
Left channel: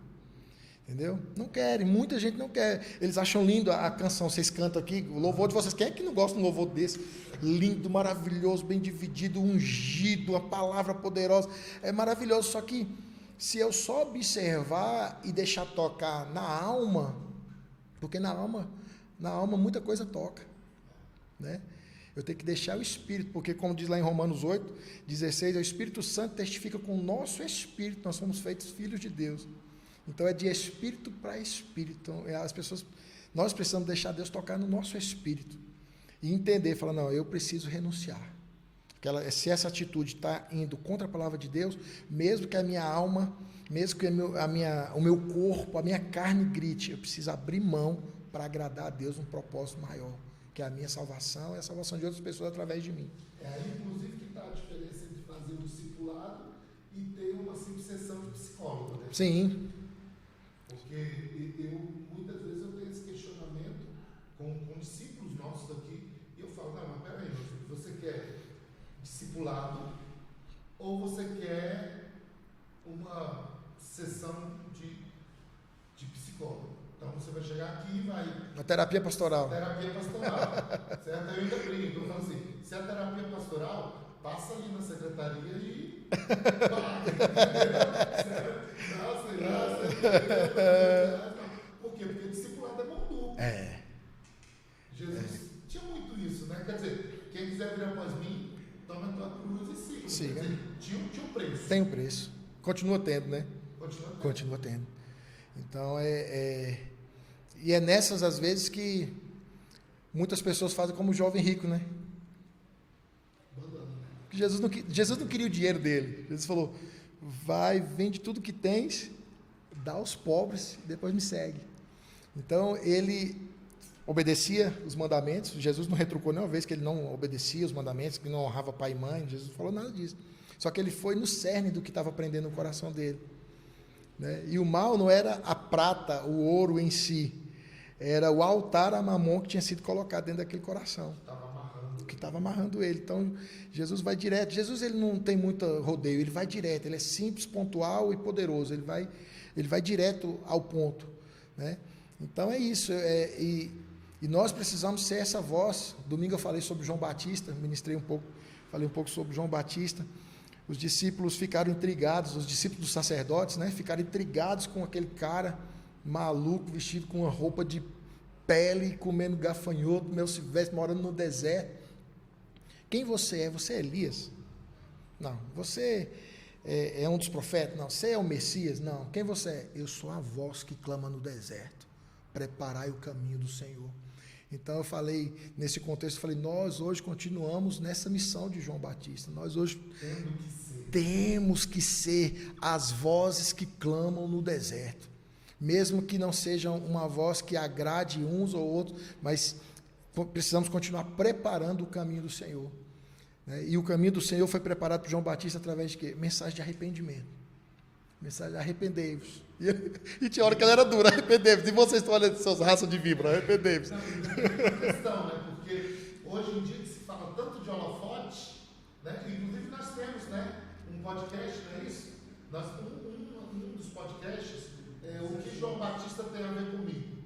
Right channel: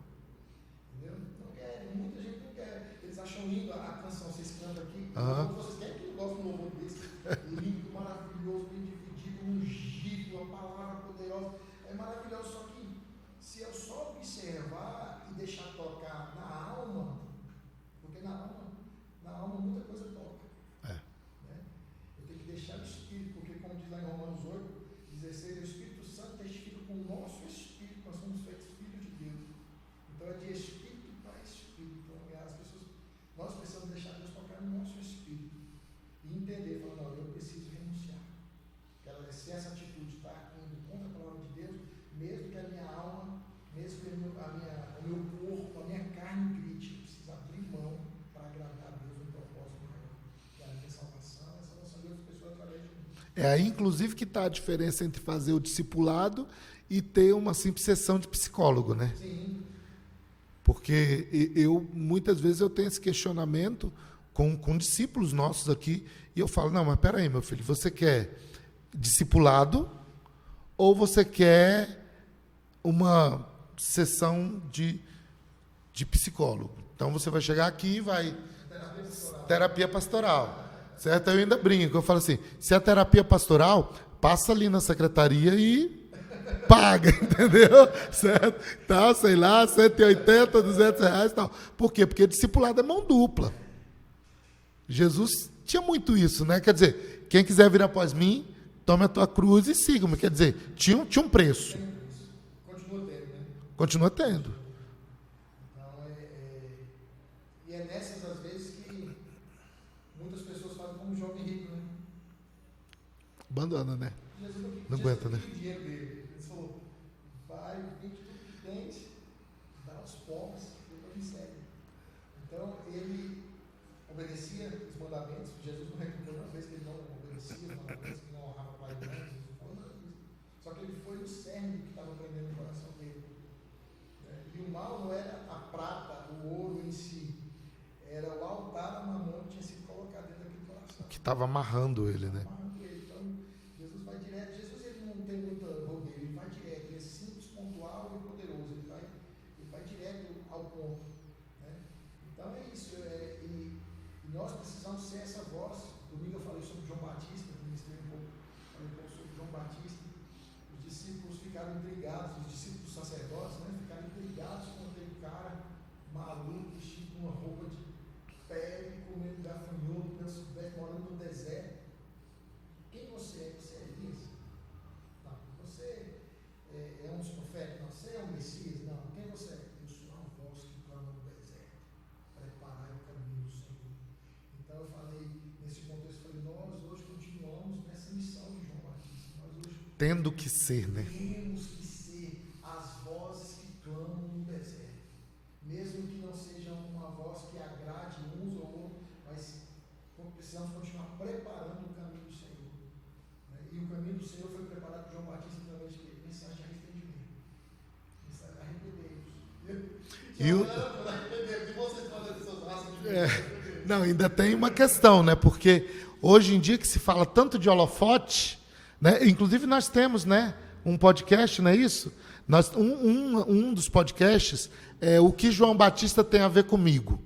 Entendeu? Não querem, muita gente não quer. Eles acham lindo a canção, vocês cantam aqui, o louvor de vocês. Quem é que não gosta de um louvor desse? Lindo, maravilhoso, bem dividido, ungido, uma palavra poderosa. É maravilhoso, só que se eu só observar e deixar tocar na alma, porque na alma muita coisa toca, né? Eu tenho que deixar o Espírito, porque como diz lá em Romanos 8:16, o Espírito Santo testifica com o nosso Espírito, nós somos feitos filhos de Deus. Então é de Espírito para Espírito. Nós precisamos deixar Deus tocar no nosso Espírito. e entender, falar, não, eu preciso renunciar. Se essa atitude está indo contra a palavra de Deus, mesmo que a minha alma, mesmo que o meu corpo, a minha carne grite, eu preciso abrir mão para agradar a Deus num propósito maior, que é a minha salvação e a salvação de outras pessoas através de mim. É aí, inclusive, que está a diferença entre fazer o discipulado e ter uma simples sessão de psicólogo, né? Sim. Porque muitas vezes eu tenho esse questionamento com discípulos nossos aqui, e eu falo, não, mas peraí, meu filho, você quer discipulado ou você quer uma sessão de psicólogo? Então você vai chegar aqui e vai... Uma terapia pastoral. Terapia pastoral. Certo? Eu ainda brinco, eu falo assim, se é terapia pastoral, passa ali na secretaria e paga, entendeu? Certo? Tá, sei lá, 180, 200 reais e tal. Por quê? Porque discipulado é mão dupla. Jesus tinha muito isso, né? Quer dizer, quem quiser vir após mim, tome a tua cruz e siga-me. Quer dizer, tinha um preço. Tem um preço. Continua tendo, né? Continua tendo. Continua tendo. Então, E é nessas, às vezes, que muitas pessoas fazem como o jovem rico, né? Abandona, né? Jesus não queria o dinheiro dele. Jesus falou, vai, vende tudo que tens, dá aos pobres, depois me segue. Então, ele obedecia os mandamentos. Jesus não retrucou nenhuma vez que ele não obedecia os mandamentos, que não honrava pai e mãe. Jesus não falou nada disso. Só que ele foi no cerne do que estava aprendendo no coração dele. Né? E o mal não era a prata, o ouro em si. Era o altar a Mamon que tinha sido colocado dentro daquele coração. Que estava amarrando ele. Estava amarrando ele. Então, Jesus vai direto. Jesus ele não tem muito rodeio, ele vai direto. Ele é simples, pontual e poderoso. Ele vai direto ao ponto. Né? Então, é isso. E nós precisamos ser essa voz. Domingo eu falei sobre João Batista, falei um pouco sobre João Batista. Os discípulos ficaram intrigados, os discípulos dos sacerdotes, né, ficaram intrigados com aquele cara maluco, vestido com uma roupa de pele, comendo gafanhoto, Mel Silvestre, morando no deserto. Quem você é? Você é Elias? Não. Você é um dos profetas? Não. Você é o Messias? Não. Quem você é? Eu sou a voz que clama no deserto. Preparai o caminho do Senhor. Então eu falei, nesse contexto, nós hoje continuamos nessa missão de João Batista. Nós hoje tendo que ser. Temos que ser as vozes que clamam no deserto. Mesmo que não seja uma voz que agrade uns ou outros, mas precisamos continuar preparando o caminho do Senhor. Né? E o caminho do Senhor foi preparado por João Batista através de quê? Mensagem de arrependimento. Mensagem de arrependei-vos. E tinha hora que ela era dura, arrependei-vos. E vocês estão olhando seus raças de víbora, arrependei-vos. Não, ainda tem uma questão, né? Porque hoje em dia que se fala tanto de holofote, né? Inclusive nós temos, né, um podcast, não é isso? Um dos podcasts é o que João Batista tem a ver comigo.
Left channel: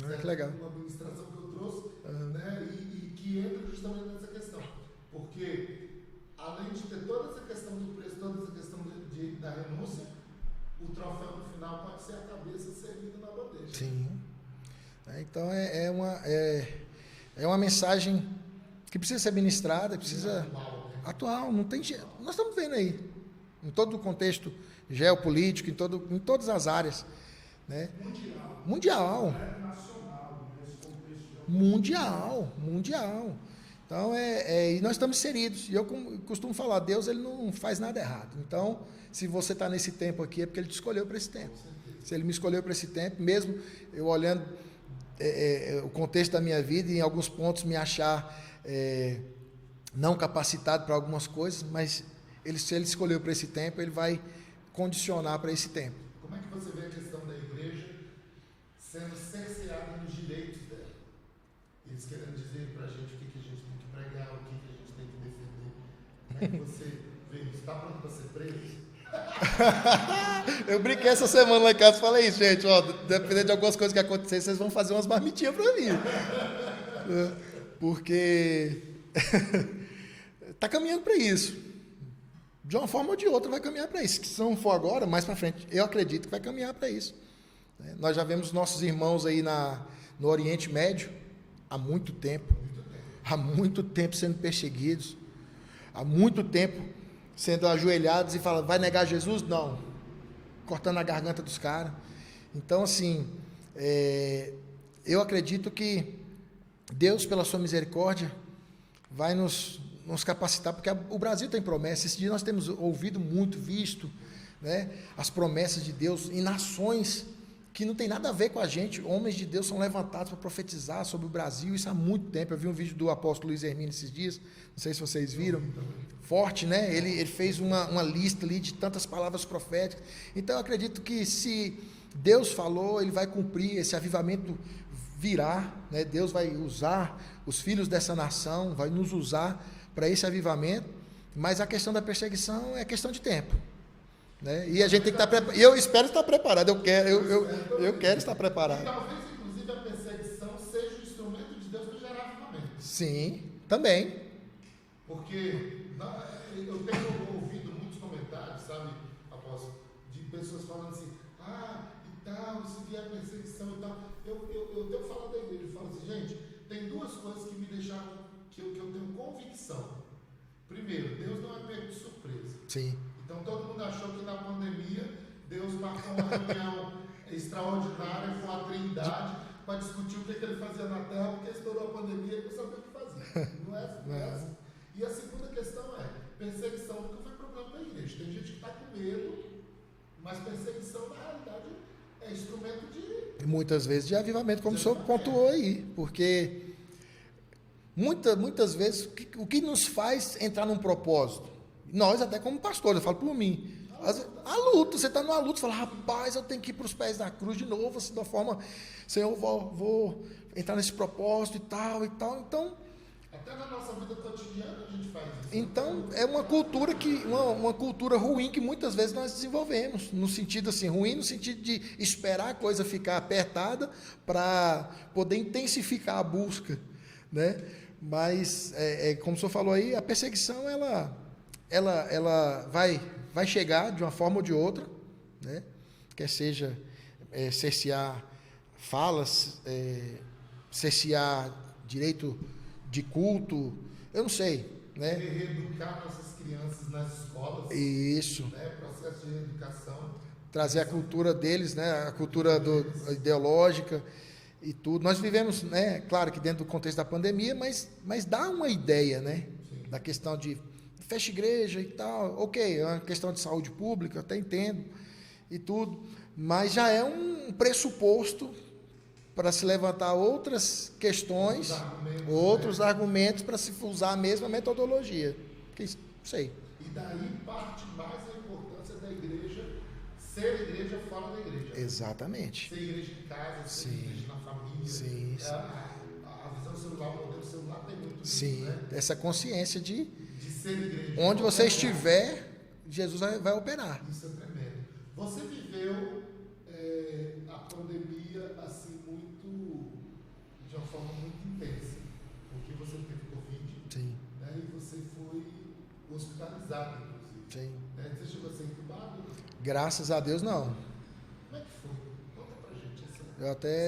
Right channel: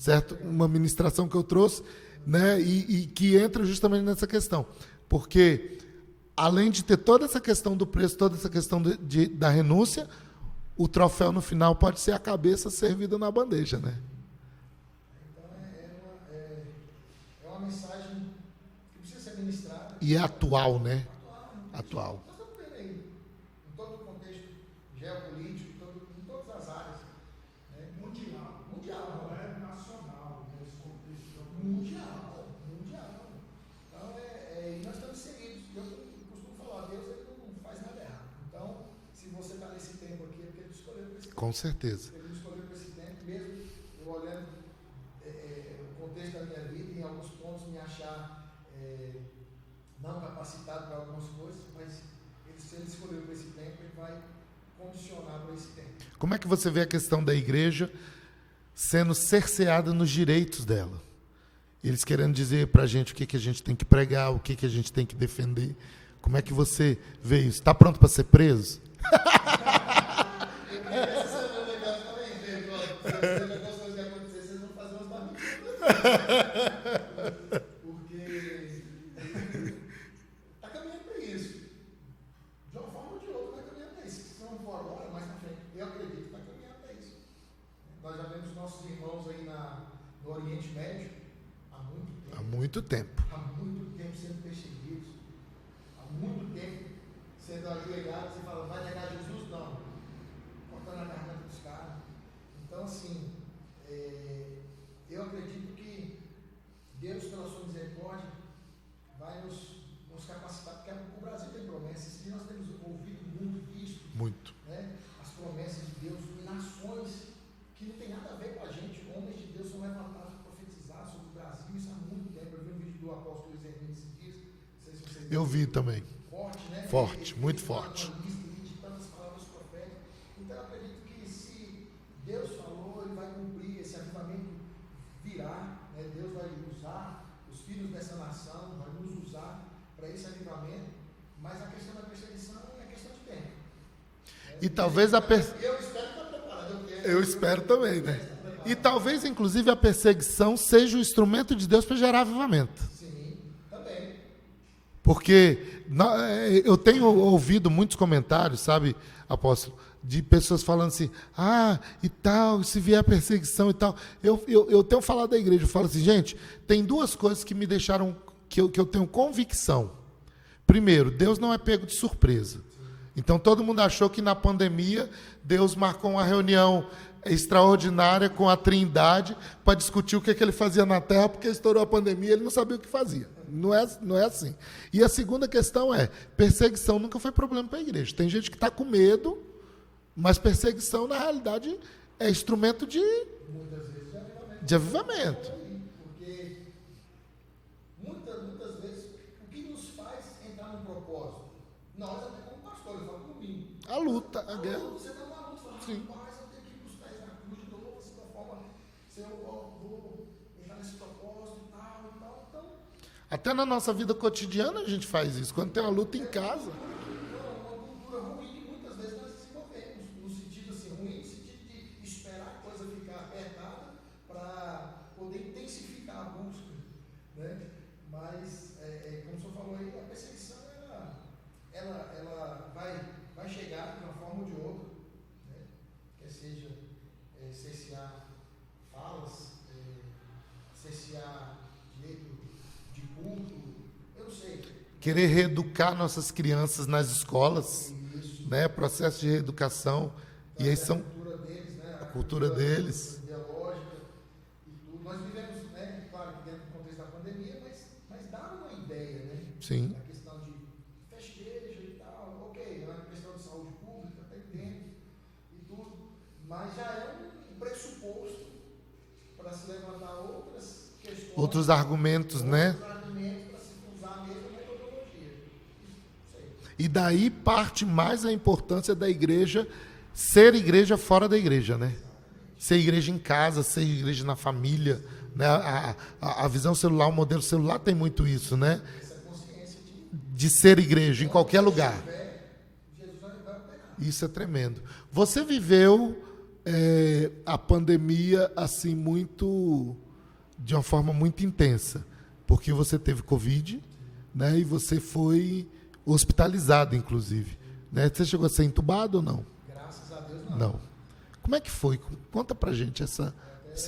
Certo? Legal. Uma ministração que eu trouxe, né? E que entra justamente nessa questão. Porque, além de ter toda essa questão do preço, toda essa questão da renúncia, o troféu no final pode ser a cabeça servida na bandeja. Sim. Né? Então, é uma mensagem que precisa ser ministrada. E é atual, né? Atual, não tem jeito. Nós estamos vendo aí, em todo o contexto geopolítico, em todas as áreas. Né? Mundial. Mundial. Então, e nós estamos inseridos. E eu costumo falar, Deus ele não faz nada errado. Então, se você está nesse tempo aqui, é porque Ele te escolheu para esse tempo. Com certeza. Se Ele me escolheu para esse tempo, mesmo eu olhando o contexto da minha vida e em alguns pontos me achar não capacitado para algumas coisas, mas se Ele escolheu para esse tempo, Ele vai condicionar para esse tempo. Como é que você vê a questão da igreja sendo cerceada nos direitos dela? Eles querendo dizer para a gente o que a gente tem que pregar, o que a gente tem que defender. Como é que você vê isso? Está pronto para ser preso? Eu brinquei essa semana lá em casa e falei isso, gente, dependendo de algumas coisas que acontecerem, vocês vão fazer umas marmitinhas para mim. Porque está caminhando para isso. De uma forma ou de outra vai caminhar para isso. Se não for agora, mais para frente, eu acredito que vai caminhar para isso. Nós já vemos nossos irmãos aí no Oriente Médio há muito tempo. Há muito tempo sendo perseguidos. Há muito tempo sendo ajoelhados e falando, vai negar Jesus? Não. Cortando a garganta dos caras. Então, assim, eu acredito que Deus, pela sua misericórdia, vai nos capacitar, porque o Brasil tem promessas. Esse dia nós temos ouvido muito, visto, né, as promessas de Deus em nações que não tem nada a ver com a gente. Homens de Deus são levantados para profetizar sobre o Brasil, isso há muito tempo. Eu vi um vídeo do apóstolo Luiz Hermínio esses dias, não sei se vocês viram. Eu vi também. Forte, né? Forte, ele fez uma lista ali de tantas palavras proféticas. Então eu acredito que se Deus falou, ele vai cumprir, esse avivamento virá, né? Deus vai usar os filhos dessa nação, vai nos usar para esse avivamento, mas a questão da perseguição é questão de tempo. Né? E a gente eu espero estar preparado, eu espero também. Eu quero estar preparado. E talvez, inclusive, a perseguição seja o instrumento de Deus para gerar avivamento. Sim, também. Porque eu tenho ouvido muitos comentários, sabe, apóstolo, de pessoas falando assim, e tal, se vier a perseguição e tal. Eu tenho falado da igreja, eu falo assim, gente, tem duas coisas que me deixaram, que eu tenho convicção. Primeiro, Deus não é pego de surpresa. Sim. Então, todo mundo achou que na pandemia, Deus marcou uma reunião extraordinária com a Trindade para discutir o que ele fazia na Terra, porque estourou a pandemia, ele não sabia o que fazia. Não é assim. E a segunda questão é, perseguição nunca foi problema para a igreja. Tem gente que está com medo, mas perseguição, na realidade, é instrumento de... Muitas vezes de avivamento, como o senhor pontuou aí. Porque muitas vezes, o que nos faz entrar num propósito? Nós, até como pastores, eu falo por mim. A luta, você está numa luta, você fala, rapaz, eu tenho que ir para os pés da cruz de novo, assim, da forma, Senhor, vou entrar nesse propósito e tal. Então, até na nossa vida cotidiana a gente faz isso. Quando tem uma luta é uma cultura ruim que muitas vezes nós desenvolvemos, no sentido assim, ruim no sentido de esperar a coisa ficar apertada para poder intensificar a busca, né? Mas, como o senhor falou aí, a perseguição, ela vai chegar de uma forma ou de outra, né? Quer seja cercear falas, cercear direito de culto, eu não sei. Né? Querer reeducar nossas crianças nas escolas. Isso. Né? Processo de reeducação. Trazer a cultura deles, né? A cultura ideológica e tudo. Nós vivemos, né? Claro que dentro do contexto da pandemia, mas dá uma ideia, né? Sim. Da questão de fecha igreja e tal. Ok, é uma questão de saúde pública, eu até entendo e tudo. Mas já é um pressuposto para se levantar outras questões, outros argumentos para se usar a mesma metodologia. Não sei. E daí parte mais a importância da igreja ser igreja fora da igreja, né? Exatamente. Ser igreja em casa, ser igreja na família. Sim, né? A visão celular, o modelo celular tem muito isso, né? Essa consciência de ser igreja em qualquer lugar. Onde você estiver, Jesus vai operar. Isso é tremendo. Você viveu a pandemia assim de uma forma muito intensa, porque você teve Covid, né? E você foi hospitalizado, inclusive. Né? Você chegou a ser entubado ou não? Graças a Deus, não. Como é que foi? Conta pra gente essa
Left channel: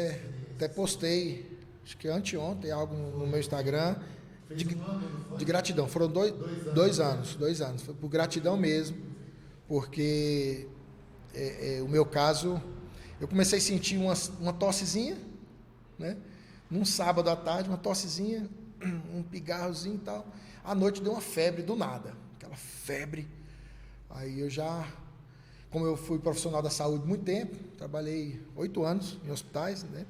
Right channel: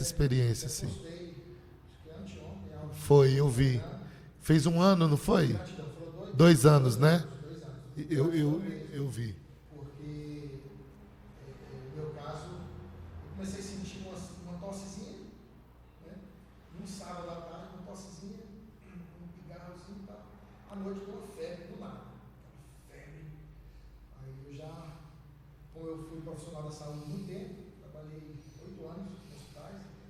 experiência. Até postei, acho que anteontem, algo no Instagram. Fez um ano, não foi? De gratidão. Foram dois anos, né? 2 anos. Foi por gratidão mesmo. Eu vi. Porque o meu caso, eu comecei a sentir uma tossezinha, né? Num sábado à tarde, uma tossezinha, um pigarrozinho e tal. À noite deu uma febre do nada. Aquela febre. Aí como eu fui profissional da saúde há muito tempo, trabalhei 8 anos em hospitais, né?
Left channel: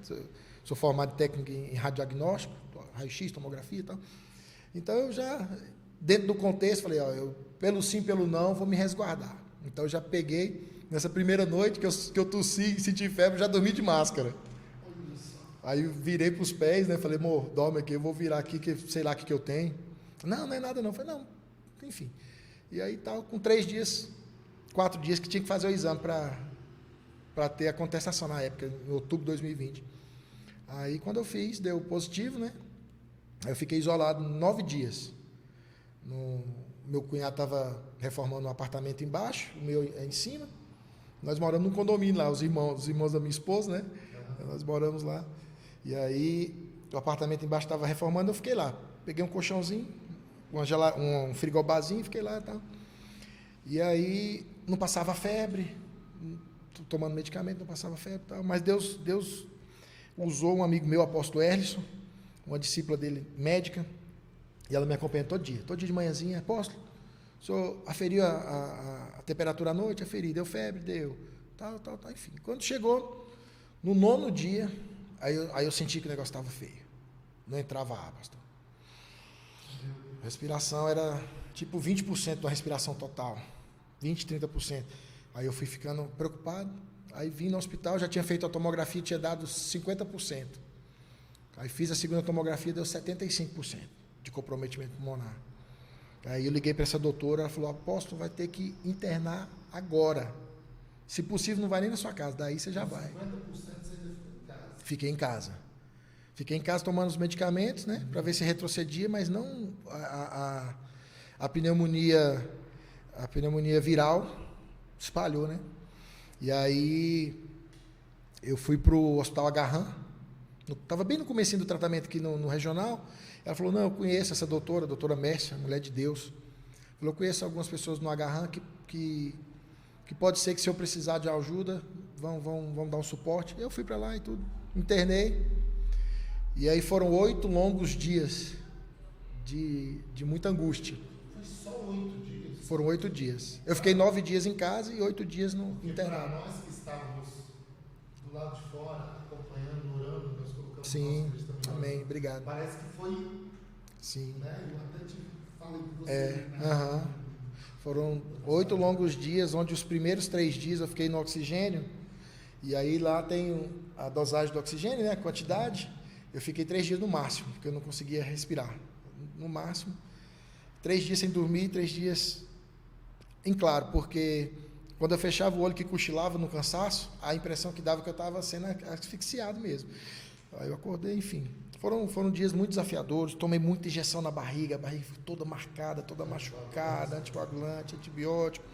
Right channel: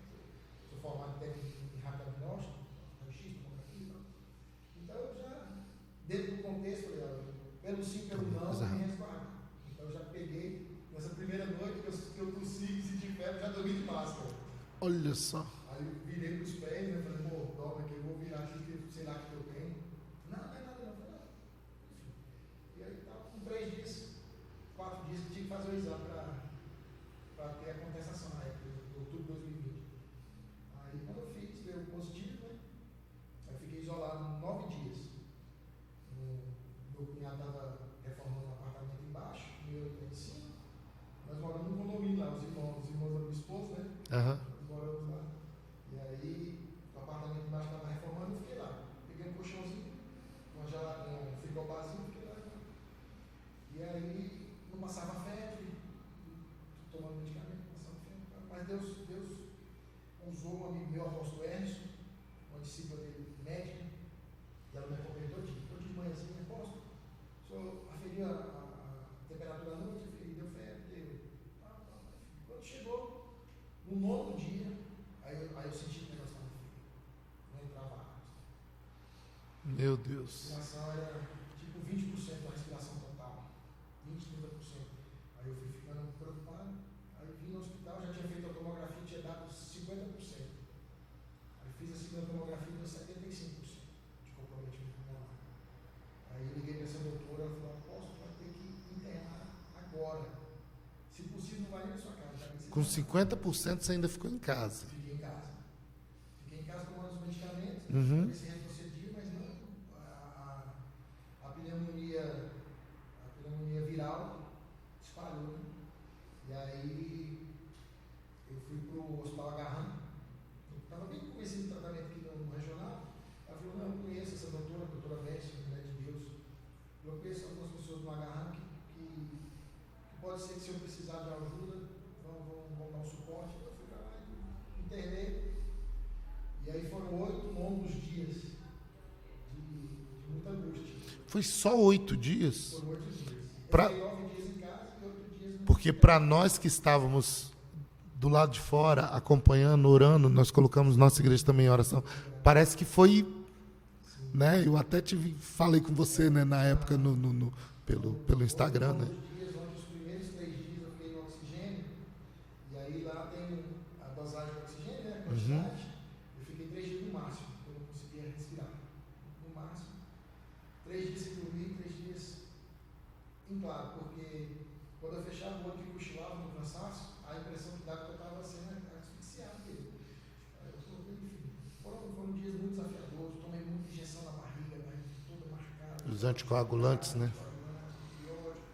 Sou formado em técnico em radiodiagnóstico, raio-x, tomografia e tal. Então eu já, dentro do contexto, falei, eu pelo sim, pelo não, vou me resguardar. Então eu já peguei, nessa primeira noite que eu tossi e senti febre, já dormi de máscara. Olha só. Aí eu virei para os pés, né? Falei, amor, dorme aqui, eu vou virar aqui, que sei lá o que eu tenho. Não é nada não. Falei, não, enfim. E aí tal, com 4 dias que tinha que fazer o exame para ter a contestação na época, em outubro de 2020. Aí quando eu fiz, deu positivo, né? Aí eu fiquei isolado 9 dias. Meu cunhado estava reformando um apartamento embaixo, o meu em cima. Nós moramos num condomínio lá, os irmãos da minha esposa, né? Uhum. Nós moramos lá. E aí o apartamento embaixo estava reformando, eu fiquei lá. Peguei um colchãozinho, um frigobarzinho, fiquei lá e tal. E aí não passava febre, tomando medicamento, não passava febre e tal. Mas Deus usou um amigo meu, apóstolo Erlisson, uma discípula dele, médica, e ela me acompanha todo dia de manhãzinha. Apóstolo, o senhor aferiu a temperatura à noite? Aferi, deu febre? Deu, tal, enfim. Quando chegou no 9º dia, aí eu senti que o negócio estava feio, não entrava ar, pastor. Meu Deus. A respiração era tipo 20% da respiração total, 20, 30%. Aí eu fui ficando preocupado, aí vim no hospital, já tinha feito a tomografia, tinha dado 50%. Aí fiz a segunda tomografia, deu 75% de comprometimento pulmonar. Aí eu liguei para essa doutora, ela falou, apóstolo, vai ter que internar agora. Se possível, não vai nem na sua casa, daí você já vai. Com 50% você ainda ficou em casa. Fiquei em casa. Fiquei em casa tomando os medicamentos, né, para ver se retrocedia, mas não a pneumonia viral espalhou, né? E aí eu fui para o Hospital Agarran, estava bem no comecinho do tratamento aqui no regional. Ela falou, não, eu conheço essa doutora, a doutora Mércia, mulher de Deus. Falou, eu conheço algumas pessoas no Agarran que pode ser que se eu precisar de ajuda, vão dar um suporte. Eu fui para lá e tudo, internei. E aí foram 8 longos dias de muita angústia. Foi só 8 dias? Foram 8 dias. Eu fiquei 9 dias em casa e 8 dias no Porque para nós que estávamos do lado de fora, acompanhando, orando, nós colocamos Sim, nossa igreja também em oração. Obrigado. Parece que foi, Sim. né? Eu até falei com você, né, na época Foram pelo Instagram. 8 longos dias, onde os primeiros 3 dias eu fiquei no oxigênio. E aí lá tem a dosagem do oxigênio, né, a quantidade. Eu fiquei 3 dias no máximo, porque eu não conseguia respirar. No máximo. 3 dias sem dormir, 3 dias em claro, porque quando eu fechava o olho que cochilava no cansaço, a impressão que dava que eu estava sendo asfixiado mesmo. Aí eu acordei, enfim. Foram dias muito desafiadores, tomei muita injeção na barriga, a barriga toda marcada, toda machucada, né? Anticoagulante, antibiótico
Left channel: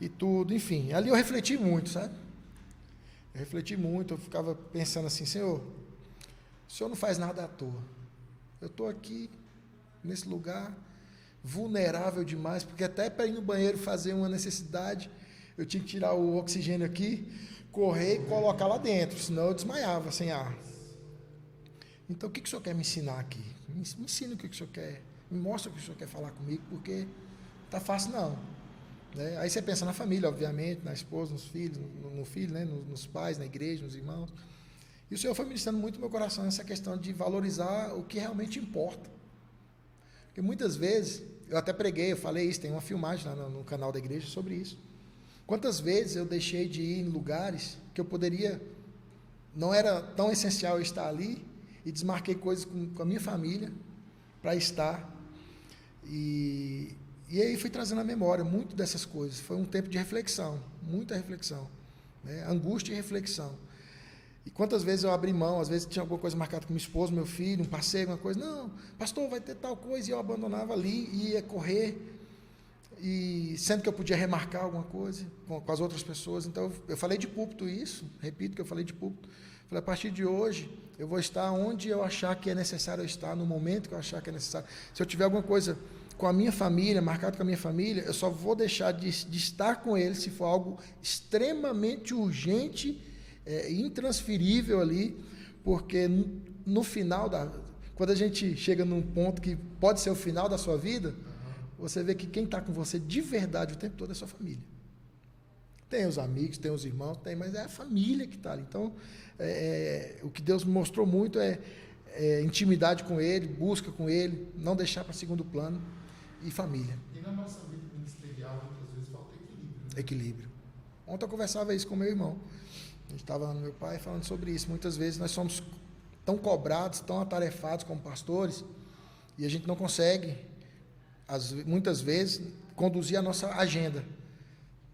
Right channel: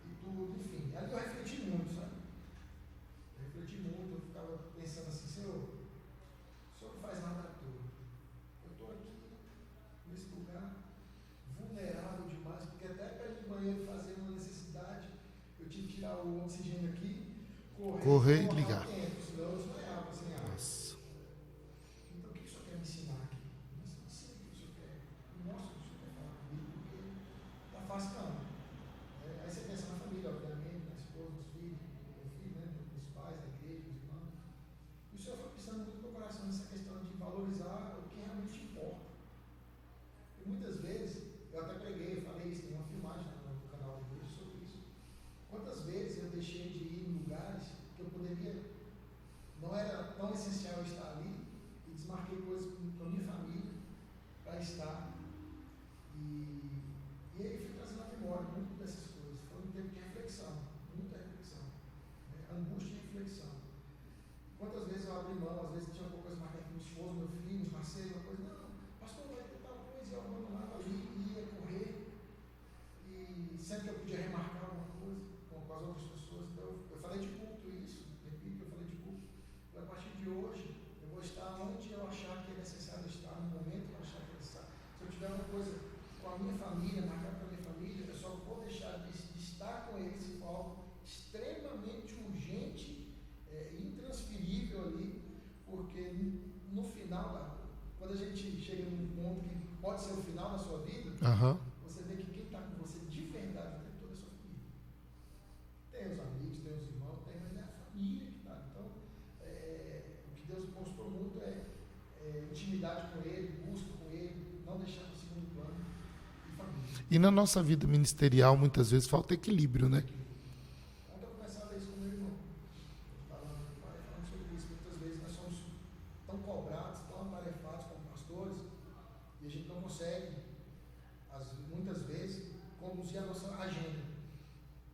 e tudo, enfim. Ali eu refleti muito, sabe? Eu ficava pensando assim, Senhor, o Senhor não faz nada à toa. Eu estou aqui, nesse lugar, vulnerável demais, porque até para ir no banheiro fazer uma necessidade, eu tinha que tirar o oxigênio aqui, correr e colocar lá dentro, senão eu desmaiava sem ar. Então, o que o Senhor quer me ensinar aqui? Me ensina o que o Senhor quer, me mostra o que o Senhor quer falar comigo, porque não está fácil não. Né? Aí você pensa na família, obviamente, na esposa, nos filhos, no filho, né? nos pais, na igreja, nos irmãos. E o Senhor foi ministrando muito no meu coração essa questão de valorizar o que realmente importa. Porque muitas vezes, eu até preguei, eu falei isso, tem uma filmagem lá no canal da igreja sobre isso. Quantas vezes eu deixei de ir em lugares que eu poderia, não era tão essencial eu estar ali, e desmarquei coisas com a minha família para estar. E aí fui trazendo à memória muito dessas coisas. Foi um tempo de reflexão, muita reflexão, né? Angústia e reflexão. E quantas vezes eu abri mão, às vezes tinha alguma coisa marcada com minha esposa, meu filho, um passeio, uma coisa, não, pastor, vai ter tal coisa, e eu abandonava ali, e ia correr, e sendo que eu podia remarcar alguma coisa com as outras pessoas. Então eu falei de púlpito isso, repito que eu falei de púlpito, falei, a partir de hoje eu vou estar onde eu achar que é necessário eu estar, no momento que eu achar que é necessário. Se eu tiver alguma coisa com a minha família, marcado com a minha família, eu só vou deixar de estar com eles se for algo extremamente urgente, intransferível ali, porque no final quando a gente chega num ponto que pode ser o final da sua vida, você vê que quem está com você de verdade o tempo todo é a sua família. Tem os amigos, tem os irmãos, mas é a família que está ali. Então, o que Deus me mostrou muito é intimidade com Ele, busca com Ele, não deixar para segundo plano, e família. E na nossa vida ministerial, muitas vezes, falta equilíbrio, né? Equilíbrio. Ontem eu conversava isso com meu irmão. A gente estava no meu pai falando sobre isso. Muitas vezes nós somos tão cobrados, tão atarefados como pastores, e a gente não consegue, muitas vezes, conduzir a nossa agenda.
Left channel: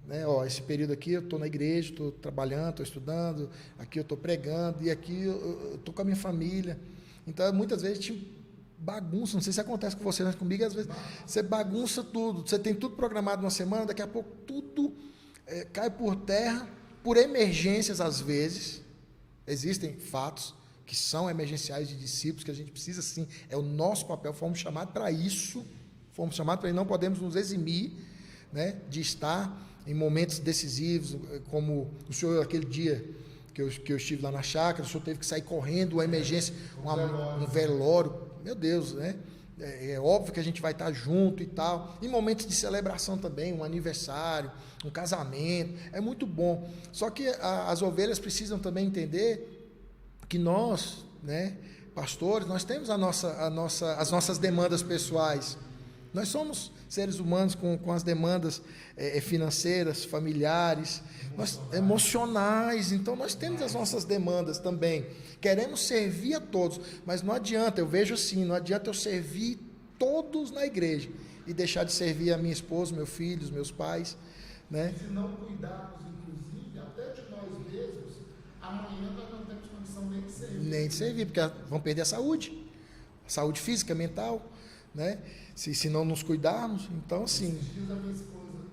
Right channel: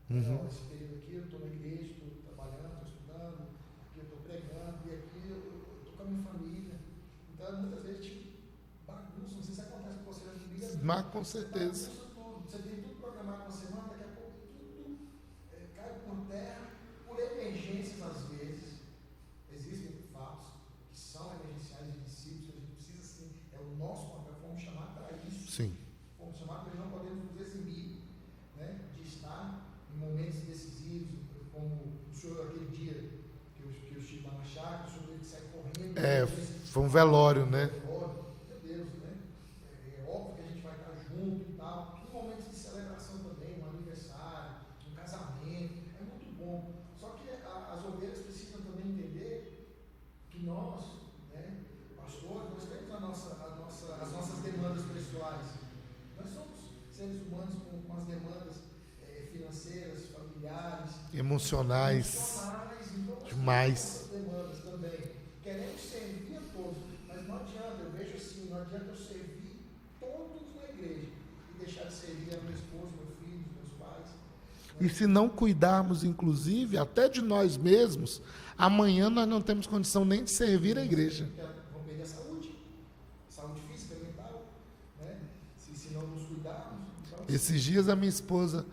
Né? Esse período aqui eu estou na igreja, estou trabalhando, estou estudando, aqui eu estou pregando, e aqui eu estou com a minha família. Então, muitas vezes, a gente bagunça, não sei se acontece com você, mas comigo, às vezes, você bagunça tudo, você tem tudo programado numa semana, daqui a pouco tudo cai por terra, por emergências, às vezes. Existem fatos que são emergenciais de discípulos, que a gente precisa, sim, é o nosso papel, fomos chamados para isso, sim. Fomos chamados para isso, não podemos nos eximir, né, de estar em momentos decisivos, como o senhor aquele dia que eu estive lá na chácara, o senhor teve que sair correndo, uma emergência. Foi um velório, um né? velório, meu Deus, né? É óbvio que a gente vai estar junto e tal. Em momentos de celebração também, um aniversário, um casamento, é muito bom. Só que as ovelhas precisam também entender que nós, né, pastores, nós temos as nossas demandas pessoais. Nós somos seres humanos com as demandas financeiras, familiares, emocionais. Então nós temos as nossas demandas também. Queremos servir a todos, mas não adianta, eu vejo assim, não adianta eu servir todos na igreja e deixar de servir a minha esposa, meu filho, os meus pais. Né? E se não cuidarmos, inclusive, até de nós mesmos, amanhã nós não temos condição nem de servir na igreja. Porque vão perder a saúde física, mental, né? Se não nos cuidarmos, então assim... Esses dias a minha esposa,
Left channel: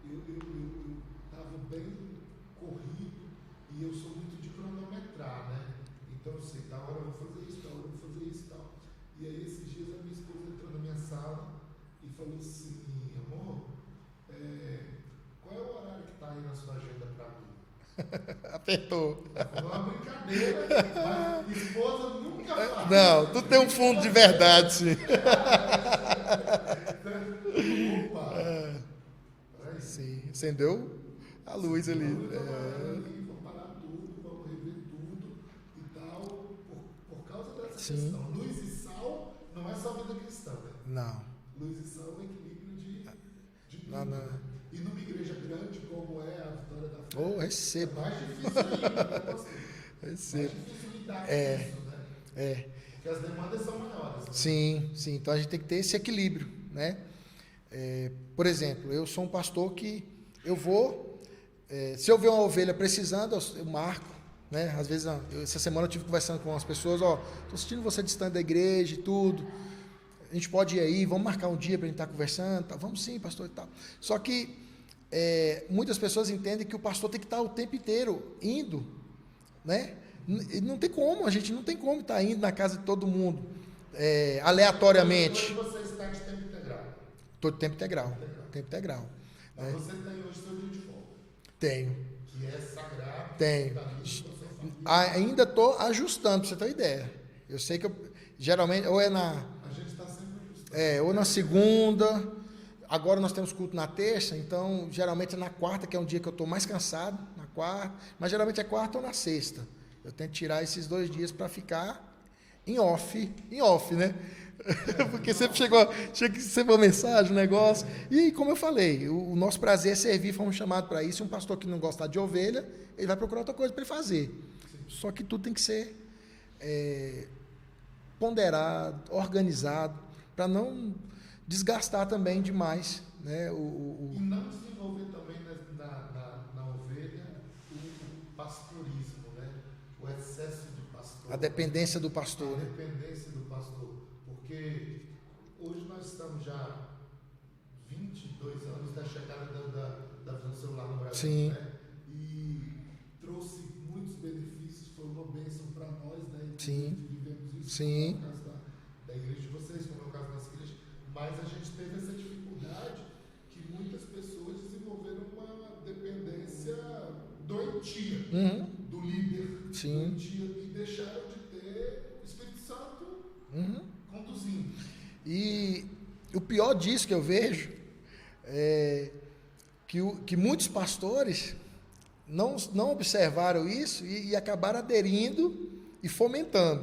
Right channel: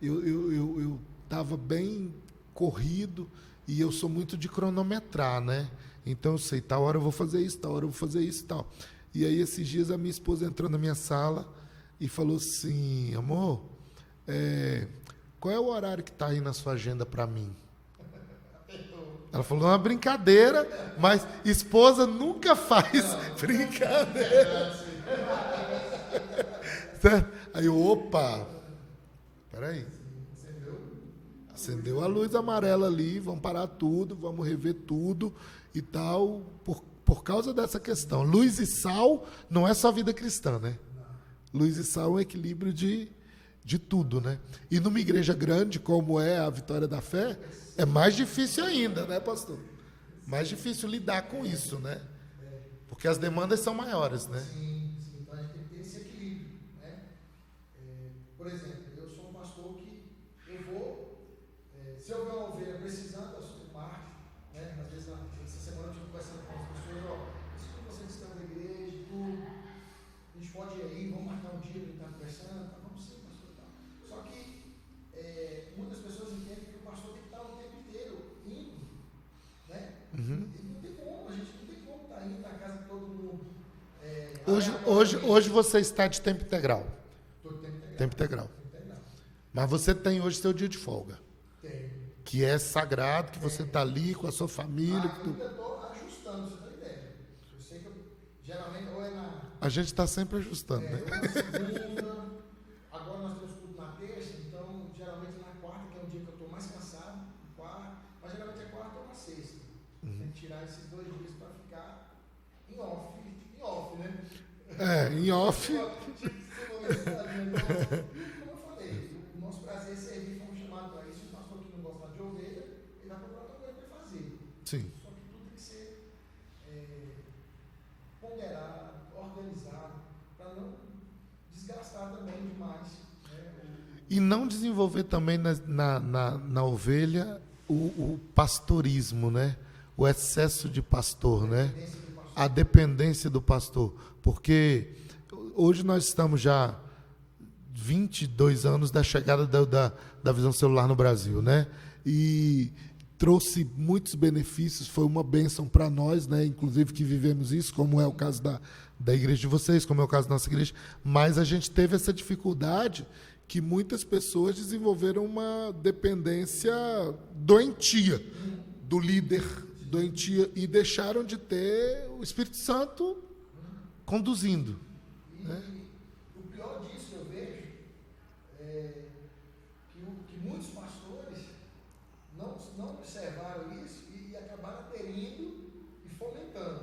eu estava bem corrido e eu sou muito de cronometrar, né? Então eu sei, tal hora eu vou fazer isso, tal hora eu vou fazer isso e tal. E aí esses dias a minha esposa entrou na minha sala e falou assim, amor, qual é o horário que está aí na sua agenda para mim? Apertou. Ela falou, é uma brincadeira, mas esposa nunca faz. Não, tu tem um fundo de verdade, sim. E opa, peraí. Sim, acendeu a luz. Acendeu a luz amarela ali, vamos parar tudo, vamos rever tudo e tal, por causa dessa questão. Luz e sal não é só vida cristã, né? Não. Luz e sal é um equilíbrio de tudo, né? E numa igreja grande, como é a Vitória da Fé, é mais difícil ainda, né, pastor? Mais difícil lidar com isso, né? Porque as demandas são maiores, né? Sim. Então a gente tem que ter esse equilíbrio, né? Por exemplo, eu sou um pastor que eu vou... se eu ver uma ovelha precisando, eu marco, né? Às vezes, essa semana eu estive conversando com as pessoas, estou assistindo você distante da igreja e tudo... A gente pode ir aí, vamos marcar um dia para a gente estar conversando, tá? Vamos sim, pastor e tal. Só que muitas pessoas entendem que o pastor tem que estar o tempo inteiro indo, né? E não tem como, a gente não tem como estar indo na casa de todo mundo aleatoriamente. Hoje você está de tempo integral. Estou de tempo integral. Tempo integral. Mas você tem hoje seu dia de folga. Tenho. Que é sagrado, que você está ali com a sua família. Ainda estou ajustando, para você ter uma ideia. Eu sei que geralmente, ou é na... A gente está sempre ajustando. Ou na segunda. Agora nós temos culto na terça, então geralmente é na quarta, que é um dia que eu estou mais cansado, na quarta. Mas geralmente é quarta ou na sexta. Eu tento tirar esses 2 dias para ficar em off, né? Porque sempre chegou a mensagem, negócio. E como eu falei, o nosso prazer é servir, fomos chamados para isso. Um pastor que não gosta de ovelha, ele vai procurar outra coisa para ele fazer. Sim. Só que tudo tem que ser... ponderado, organizado, para não desgastar também demais, né? E não desenvolver também na ovelha o pastorismo, né? O excesso de pastor, a dependência do pastor. A dependência do pastor, porque hoje nós estamos já 22 anos da chegada da visão celular no Brasil, né? E trouxe muitos benefícios, foi uma bênção para nós, né? Inclusive que vivemos isso, como é o caso da igreja de vocês, como é o caso da nossa igreja, mas a gente teve essa dificuldade que muitas pessoas desenvolveram uma dependência doentia do líder, doentia, e deixaram de ter o Espírito Santo conduzindo. E o pior disso que eu vejo é que muitos pastores não observaram isso e acabaram aderindo e fomentando.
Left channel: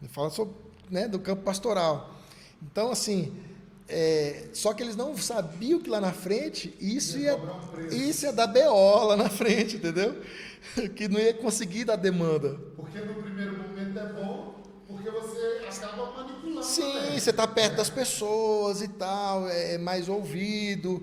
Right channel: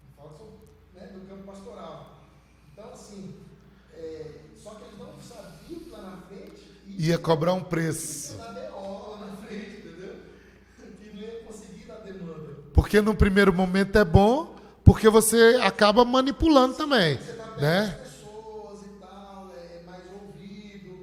Eu falo sobre, né, do campo pastoral. Então, assim, só que eles não sabiam que lá na frente isso ia cobrar um preço. Isso ia dar BO lá na frente, entendeu? Que não ia conseguir dar demanda. Porque no primeiro momento é bom, porque você acaba manipulando também. Você está perto das pessoas e tal, é mais ouvido,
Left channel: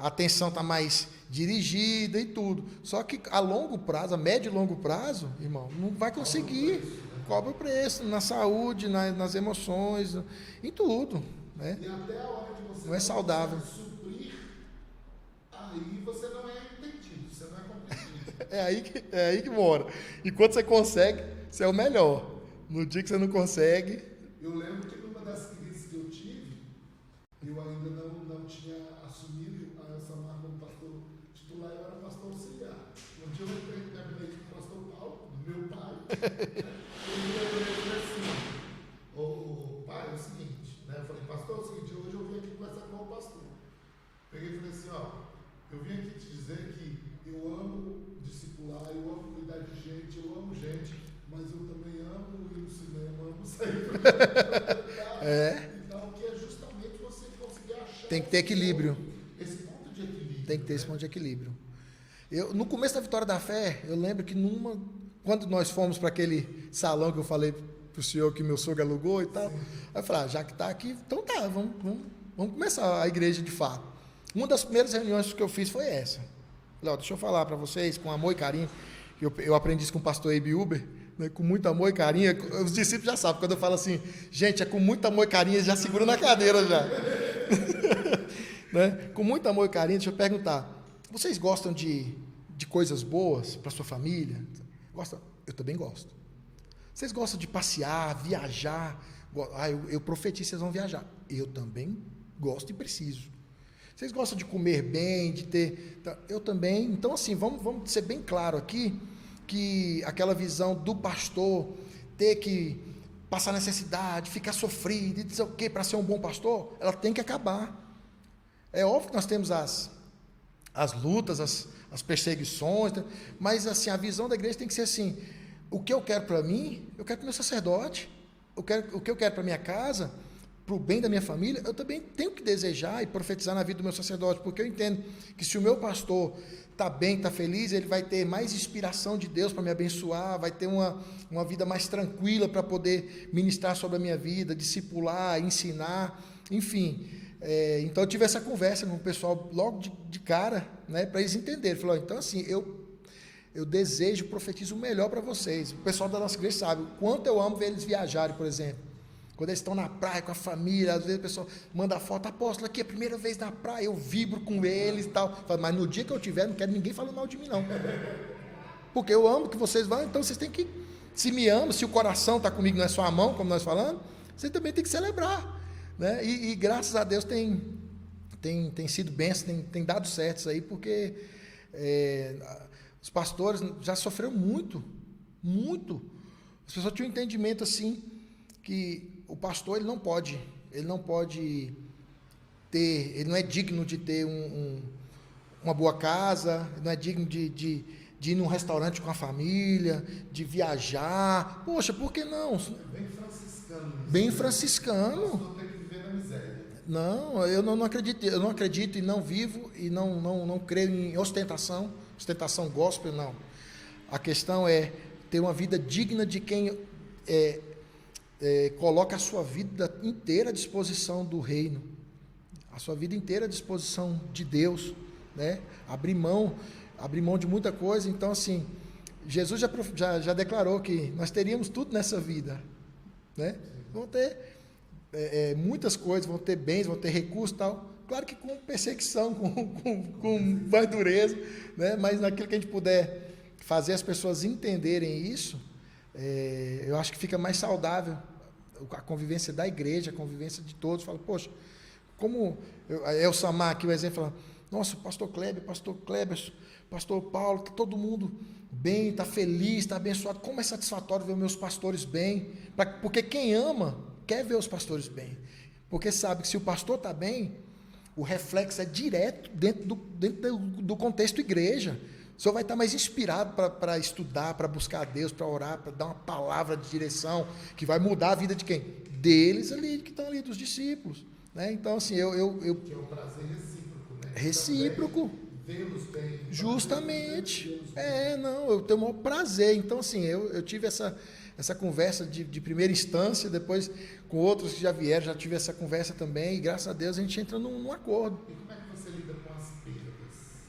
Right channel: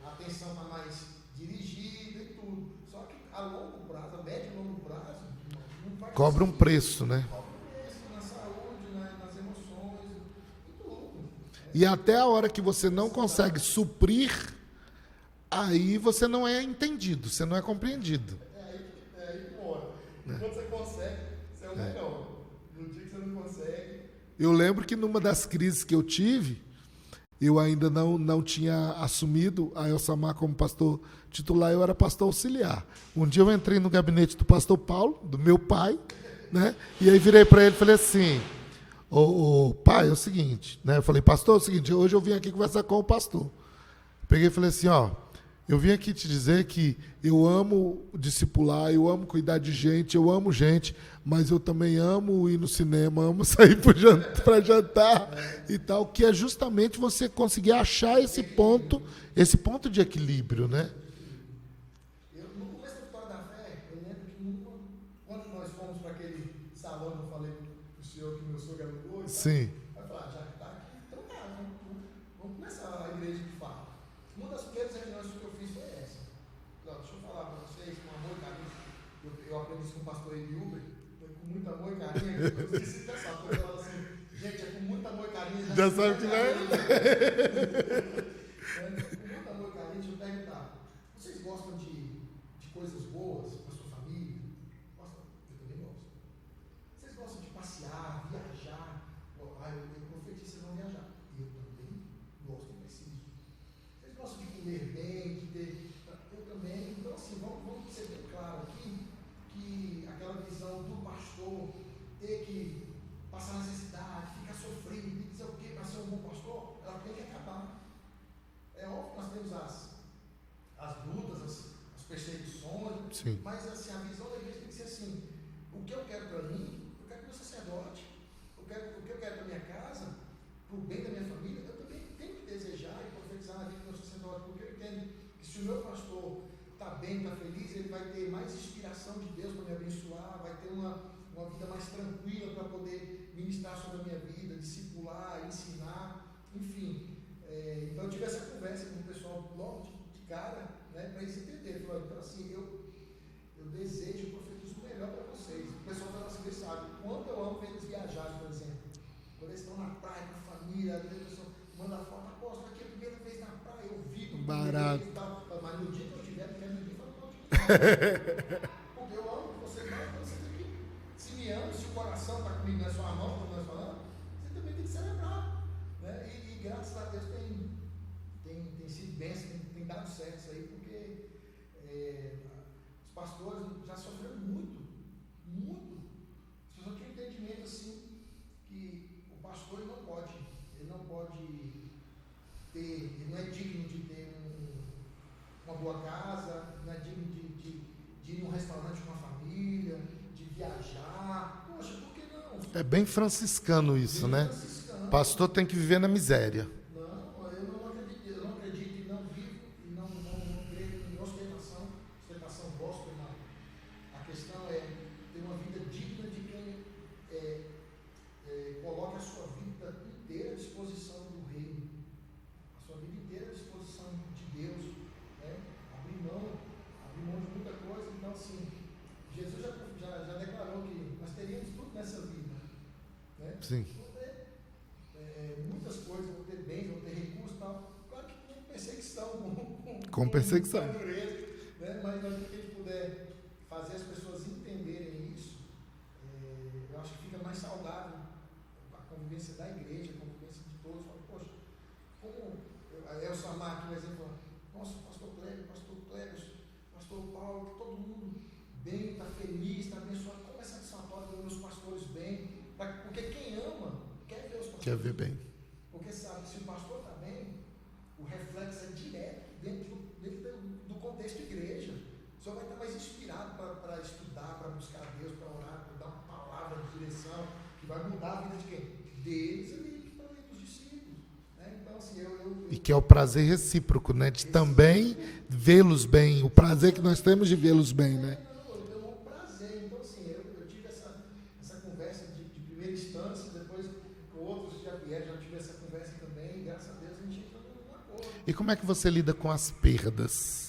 a atenção está mais dirigida e tudo. Só que a longo prazo, a médio e longo prazo, irmão, não vai conseguir. Cobra um preço, né? Cobra o preço na saúde, nas emoções, em tudo. Né? E até a hora que você não consegue suprir, aí você não é entendido, você não é compreendido. É aí que mora. E quando você consegue, você é o melhor. No dia que você não consegue... Eu lembro que numa das crises que eu tive, eu ainda não tinha assumido a Elsamar como pastor titular, eu era pastor auxiliar. Um dia eu entrei no gabinete do pastor Paulo, do meu pai, né? E aí virei para ele e falei assim, ô pai, é o seguinte, né? Eu falei, pastor, é o seguinte, hoje eu vim aqui conversar com o pastor. Peguei e falei assim, ó, eu vim aqui te dizer que eu amo discipular, eu amo cuidar de gente, eu amo gente, mas eu também amo ir no cinema, amo sair para jantar e tal, que é justamente você conseguir achar esse ponto de equilíbrio. Tem que ter né? esse ponto de equilíbrio. No começo da Vitória da Fé, eu lembro que quando nós fomos para aquele salão que eu falei para o senhor que meu sogro alugou e tal, Sim. aí eu falei, já que está aqui, então tá, vamos começar a igreja de fato. Uma das primeiras reuniões que eu fiz foi essa. Falei, deixa eu falar para vocês, com amor e carinho, eu aprendi isso com o pastor Abe Uber, né, com muito amor e carinho. Os discípulos já sabem, quando eu falo assim, gente, é com muito amor e carinho, eles já seguram na cadeira já. Né? Com muito amor e carinho, deixa eu perguntar, vocês gostam de coisas boas para sua família? Gostam? Eu também gosto. Vocês gostam de passear, viajar? Eu profetizo, vocês vão viajar. Eu também gosto e preciso. Vocês gostam de comer bem, de ter... Eu também. Então, assim, vamos ser bem claro aqui, que aquela visão do pastor ter que passar necessidade, ficar sofrido, e dizer o quê para ser um bom pastor, ela tem que acabar. É óbvio que nós temos as lutas, as perseguições, sim, mas assim, a visão da igreja tem que ser assim, o que eu quero para mim, eu quero para o meu sacerdote, o que eu quero para minha casa, para o bem da minha família, eu também tenho que desejar e profetizar na vida do meu sacerdote, porque eu entendo que se o meu pastor está bem, está feliz, ele vai ter mais inspiração de Deus para me abençoar, vai ter uma vida mais tranquila para poder ministrar sobre a minha vida, discipular, ensinar, enfim. Então eu tive essa conversa com o pessoal logo de cara, né, para eles entenderem. Falou, então assim, eu desejo, profetizo o melhor para vocês. O pessoal da nossa igreja sabe o quanto eu amo ver eles viajarem, por exemplo. Quando eles estão na praia com a família, às vezes o pessoal manda foto, apóstolo, aqui é a primeira vez na praia, eu vibro com eles e tal. Mas no dia que eu tiver, não quero ninguém falando mal de mim, não. Porque eu amo que vocês vão, então vocês têm que, se me amam, se o coração está comigo, não é só a mão, como nós falamos, você também tem que celebrar. Né? E graças a Deus tem sido bênção, tem dado certo isso aí, porque os pastores já sofreram muito. As pessoas tinham um entendimento assim, que o pastor ele não pode ter, ele não é digno de ter uma boa casa, ele não é digno de ir num restaurante com a família, de viajar. Poxa, por que não? É bem franciscano isso, bem né? Franciscano. O pastor tem que viver na miséria. Não, eu não acredito e não vivo e não creio em ostentação gospel, não. A questão é ter uma vida digna de quem coloca a sua vida inteira à disposição do reino, a sua vida inteira à disposição de Deus, né? Abrir mão de muita coisa. Então, assim, Jesus já declarou que nós teríamos tudo nessa vida, né? Sim. Vão ter muitas coisas, vão ter bens, vão ter recursos e tal. Claro que com perseguição, com perseguição, mais dureza, né? Mas naquilo que a gente puder fazer as pessoas entenderem isso, eu acho que fica mais saudável a convivência da igreja, a convivência de todos. Fala, poxa, como o Samar aqui, o exemplo, fala, nossa, pastor Kleber, pastor Paulo, está todo mundo bem, está feliz, está abençoado. Como é satisfatório ver meus pastores bem, porque quem ama quer ver os pastores bem, porque sabe que se o pastor está bem, o reflexo é direto dentro do contexto igreja. O senhor vai estar mais inspirado para estudar, para buscar a Deus, para orar, para dar uma palavra de direção que vai mudar a vida de quem? Deles ali, que estão ali, dos discípulos. Né? Então, assim, E que é o prazer recíproco, né? De também vê-los bem, o prazer que nós temos de vê-los bem. Né? Não, eu tenho o maior prazer. Então, assim, eu tive essa conversa de primeira instância, depois com outros que já vieram, já tive essa conversa também, e graças a Deus a gente entra num acordo. E como é que você lida com as perdas?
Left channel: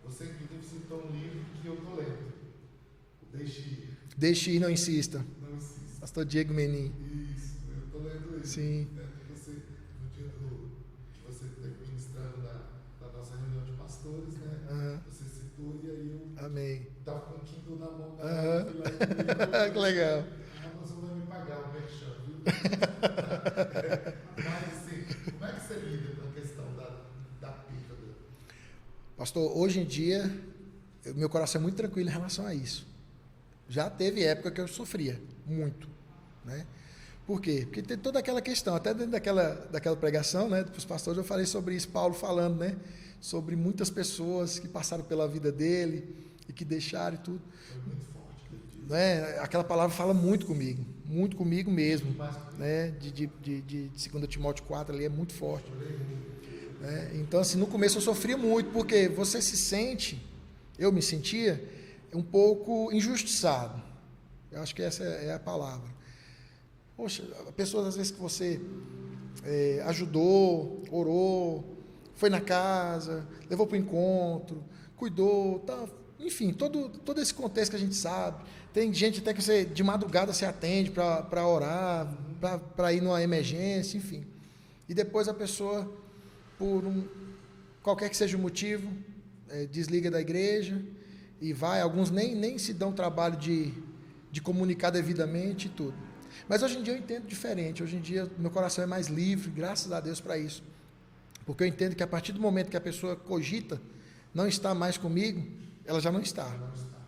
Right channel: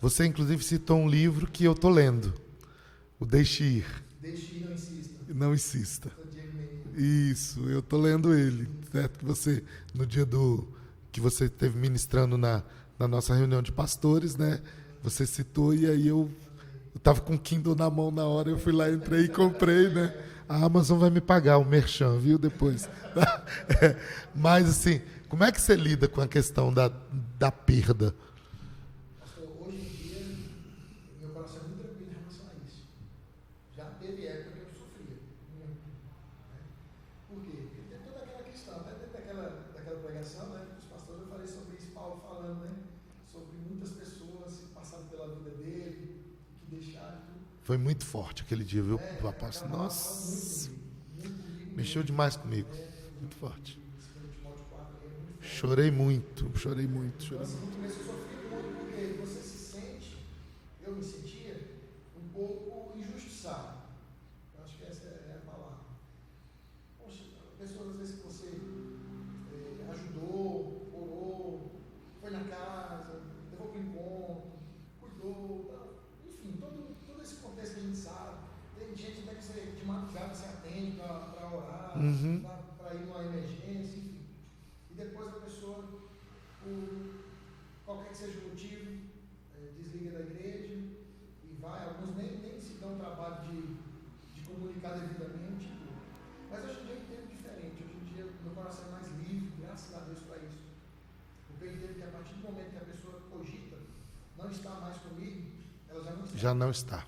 Você, inclusive, citou um livro que eu estou lendo, o Deixe Ir. Deixe Ir, não insista. Não insista. Pastor Diego Menin. Isso, eu estou lendo ele. Sim. Certo? Que você, no dia que você esteve ministrando na nossa reunião de pastores, né? Uhum. Você citou e aí eu estava com o Kindle na mão na hora, eu fui lá, entrei e comprei, né? A Amazon vai me pagar o merchan, viu, depois. Mas, assim, como é que você lida com a questão da perda? Pastor, hoje em dia, meu coração é muito tranquilo em relação a isso. Já teve época que eu sofria muito, né? Por quê? Porque tem toda aquela questão, até dentro daquela pregação, né, dos pastores, eu falei sobre isso, Paulo falando, né, sobre muitas pessoas que passaram pela vida dele e que deixaram e tudo. Foi muito forte aquele dia, viu? Aquela palavra fala muito comigo mesmo. Mexeu demais comigo. Né, de 2 Timóteo 4 ali é muito forte. Chorei muito. Então, assim, no começo eu sofria muito, porque você se sente, eu me sentia um pouco injustiçado. Eu acho que essa é a palavra. Poxa, pessoas às vezes que você ajudou, orou, foi na casa, levou para o encontro, cuidou, tá, enfim, todo esse contexto que a gente sabe. Tem gente até que você de madrugada se atende para orar, para ir numa emergência, enfim. E depois a pessoa, por qualquer que seja o motivo, desliga da igreja e vai. Alguns nem se dão trabalho de comunicar devidamente e tudo. Mas hoje em dia eu entendo diferente. Hoje em dia meu coração é mais livre, graças a Deus para isso. Porque eu entendo que a partir do momento que a pessoa cogita não estar mais comigo, ela já não está. Já não está.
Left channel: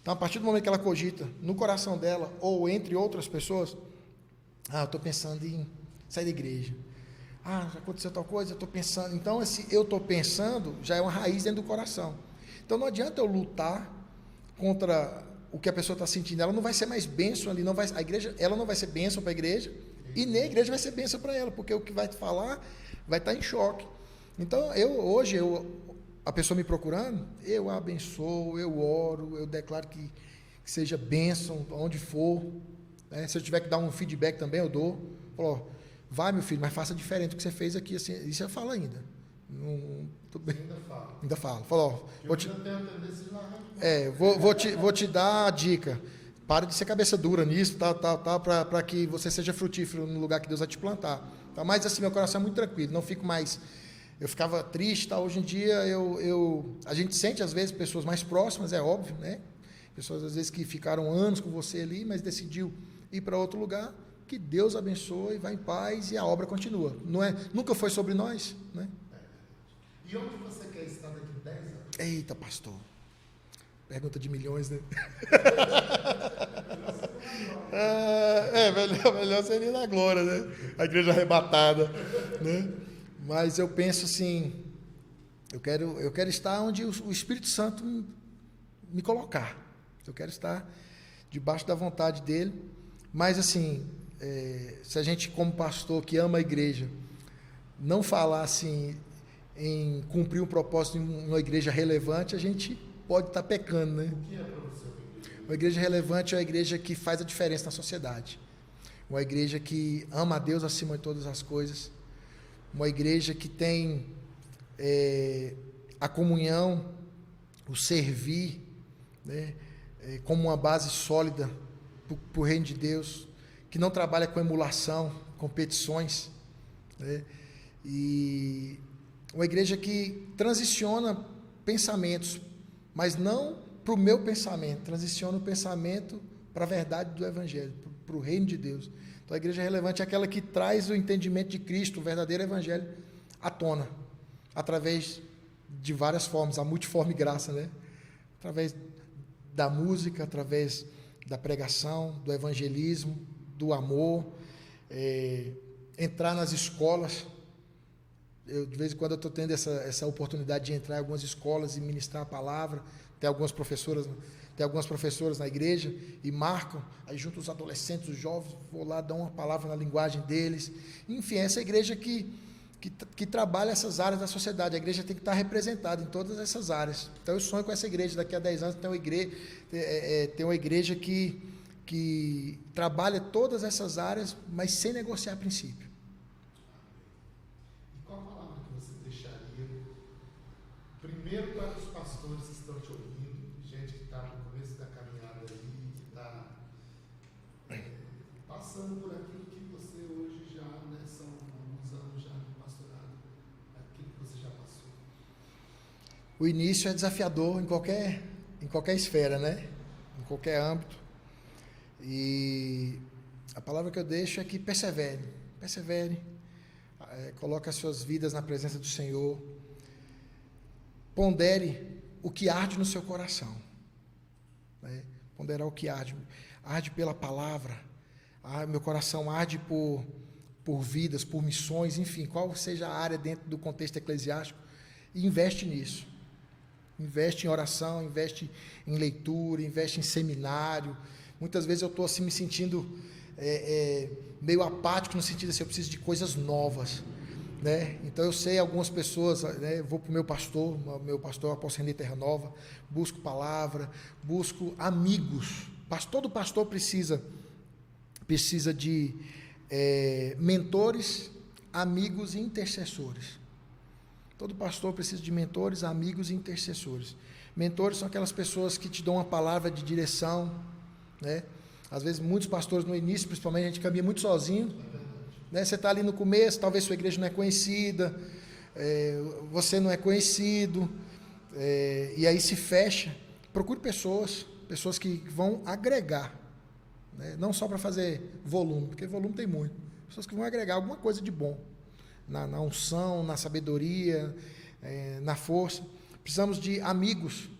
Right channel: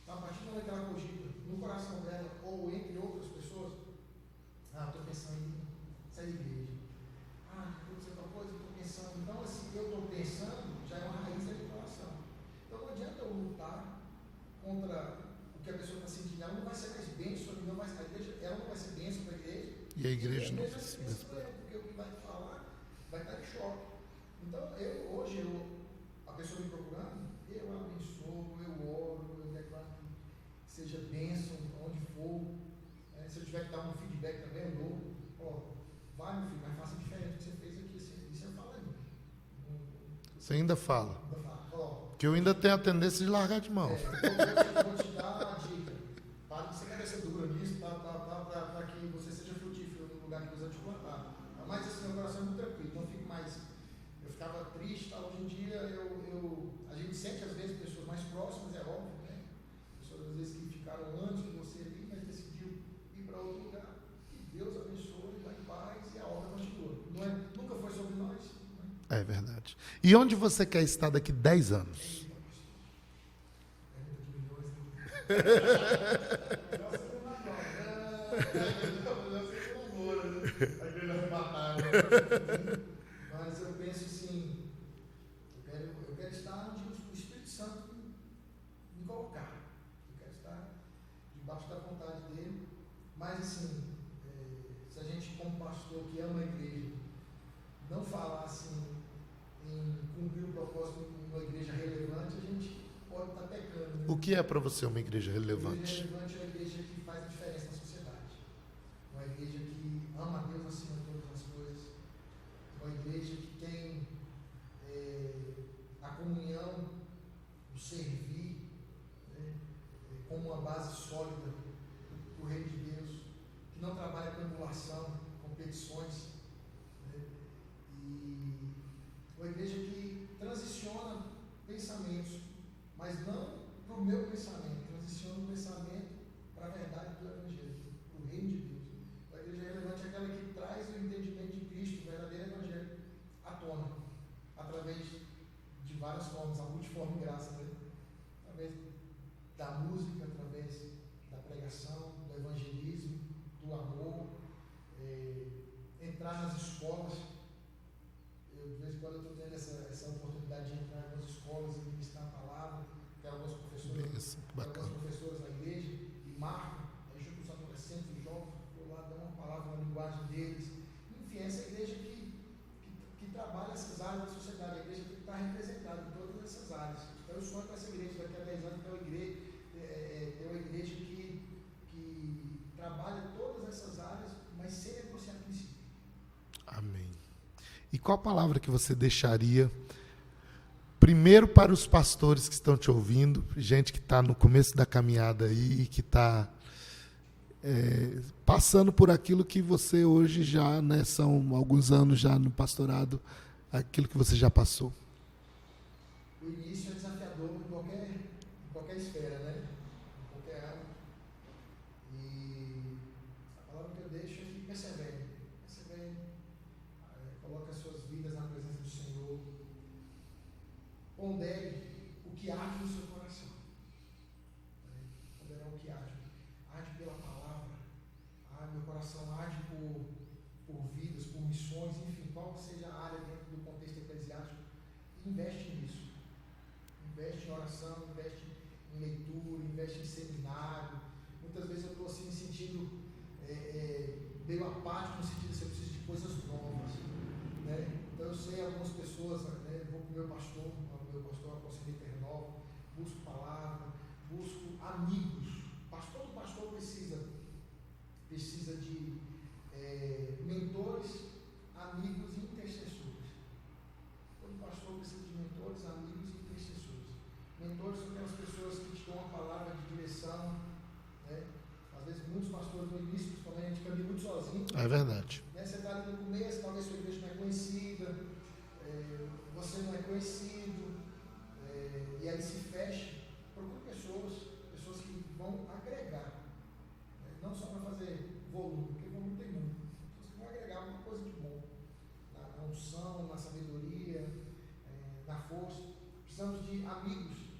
Então, a partir do momento que ela cogita no coração dela, ou entre outras pessoas, eu estou pensando em sair da igreja. Já aconteceu tal coisa, eu estou pensando. Então, esse eu estou pensando já é uma raiz dentro do coração. Então, não adianta eu lutar contra o que a pessoa está sentindo. Ela não vai ser mais bênção ali, a igreja, ela não vai ser bênção para a igreja, e nem a igreja vai ser bênção para ela, porque o que vai falar vai estar em choque. Então, hoje, a pessoa me procurando, eu a abençoo, eu oro, eu declaro que seja bênção onde for. Né? Se eu tiver que dar um feedback também, eu dou. Falo, vai, meu filho, mas faça diferente do que você fez aqui. Assim, isso eu falo ainda. Você ainda fala? Ainda falo. Falo, que eu ainda tenho a tendência de largar de mão. Vou te dar a dica. Pare de ser cabeça dura nisso, para que você seja frutífero no lugar que Deus vai te plantar. Tá? Mas assim, meu coração é muito tranquilo, não fico mais... Eu ficava triste, tá? Hoje em dia a gente sente às vezes pessoas mais próximas, é óbvio, né? Pessoas às vezes que ficaram anos com você ali, mas decidiu ir para outro lugar. Que Deus abençoe, vá em paz e a obra continua. Nunca foi sobre nós, né? É verdade. E onde você quer estar daqui 10 anos? Eita, pastor. Pergunta de milhões, né? Melhor seria na glória, né? A igreja arrebatada, né? Mas eu penso assim, eu quero estar onde o Espírito Santo me colocar. Eu quero estar debaixo da vontade dele. Mas assim, se a gente como pastor que ama a igreja, não falar assim em cumprir um propósito em uma igreja relevante, a gente pode estar pecando, né? O que é para você uma igreja relevante? Uma igreja relevante é uma igreja que faz a diferença na sociedade. Uma igreja que ama a Deus acima de todas as coisas. Uma igreja que tem a comunhão, o servir, né, como uma base sólida para o reino de Deus, que não trabalha com emulação, competições, né, e uma igreja que transiciona pensamentos, mas não para o meu pensamento, transiciona o pensamento para a verdade do Evangelho, para o reino de Deus. Então, a igreja relevante é aquela que traz o entendimento de Cristo, o verdadeiro Evangelho, à tona, através de várias formas, a multiforme graça, né? Através da música, através da pregação, do evangelismo, do amor, entrar nas escolas. De vez em quando eu estou tendo essa oportunidade de entrar em algumas escolas e ministrar a palavra. Tem algumas professoras na igreja e marcam, aí junto os adolescentes, os jovens, vou lá dar uma palavra na linguagem deles. Enfim, essa igreja que trabalha essas áreas da sociedade. A igreja tem que estar representada em todas essas áreas. Então eu sonho com essa igreja, daqui a 10 anos ter uma igreja que trabalha todas essas áreas, mas sem negociar princípio. Amém. E qual palavra que você deixaria primeiro para os pastores que estão te ouvindo, gente que está no começo da caminhada aí, que está passando por aquilo que você hoje já, né, são alguns anos já no pastorado, aquilo que você já passou? O início é desafiador em qualquer esfera, né? Em qualquer âmbito. E a palavra que eu deixo é que persevere, coloque as suas vidas na presença do Senhor. pondere o que arde no seu coração. Né? Ponderar o que arde. Arde pela palavra. Meu coração arde por vidas, por missões, enfim, qual seja a área dentro do contexto eclesiástico, e investe nisso. Investe em oração, investe em leitura, investe em seminário. Muitas vezes eu estou assim me sentindo meio apático, no sentido assim, eu preciso de coisas novas. Né? Então eu sei algumas pessoas, né? Eu vou para o meu pastor é o apóstolo René Terra Nova, busco palavra, busco amigos. Todo pastor precisa de mentores, amigos e intercessores. Todo pastor precisa de mentores, amigos e intercessores. Mentores são aquelas pessoas que te dão uma palavra de direção, né? Às vezes, muitos pastores no início, principalmente, a gente caminha muito sozinho. É verdade. Né? Você está ali no começo, talvez sua igreja não é conhecida, você não é conhecido, e aí se fecha. Procure pessoas que vão agregar, né? Não só para fazer volume, porque volume tem muito. Pessoas que vão agregar alguma coisa de bom, na unção, na sabedoria, na força. Precisamos de amigos.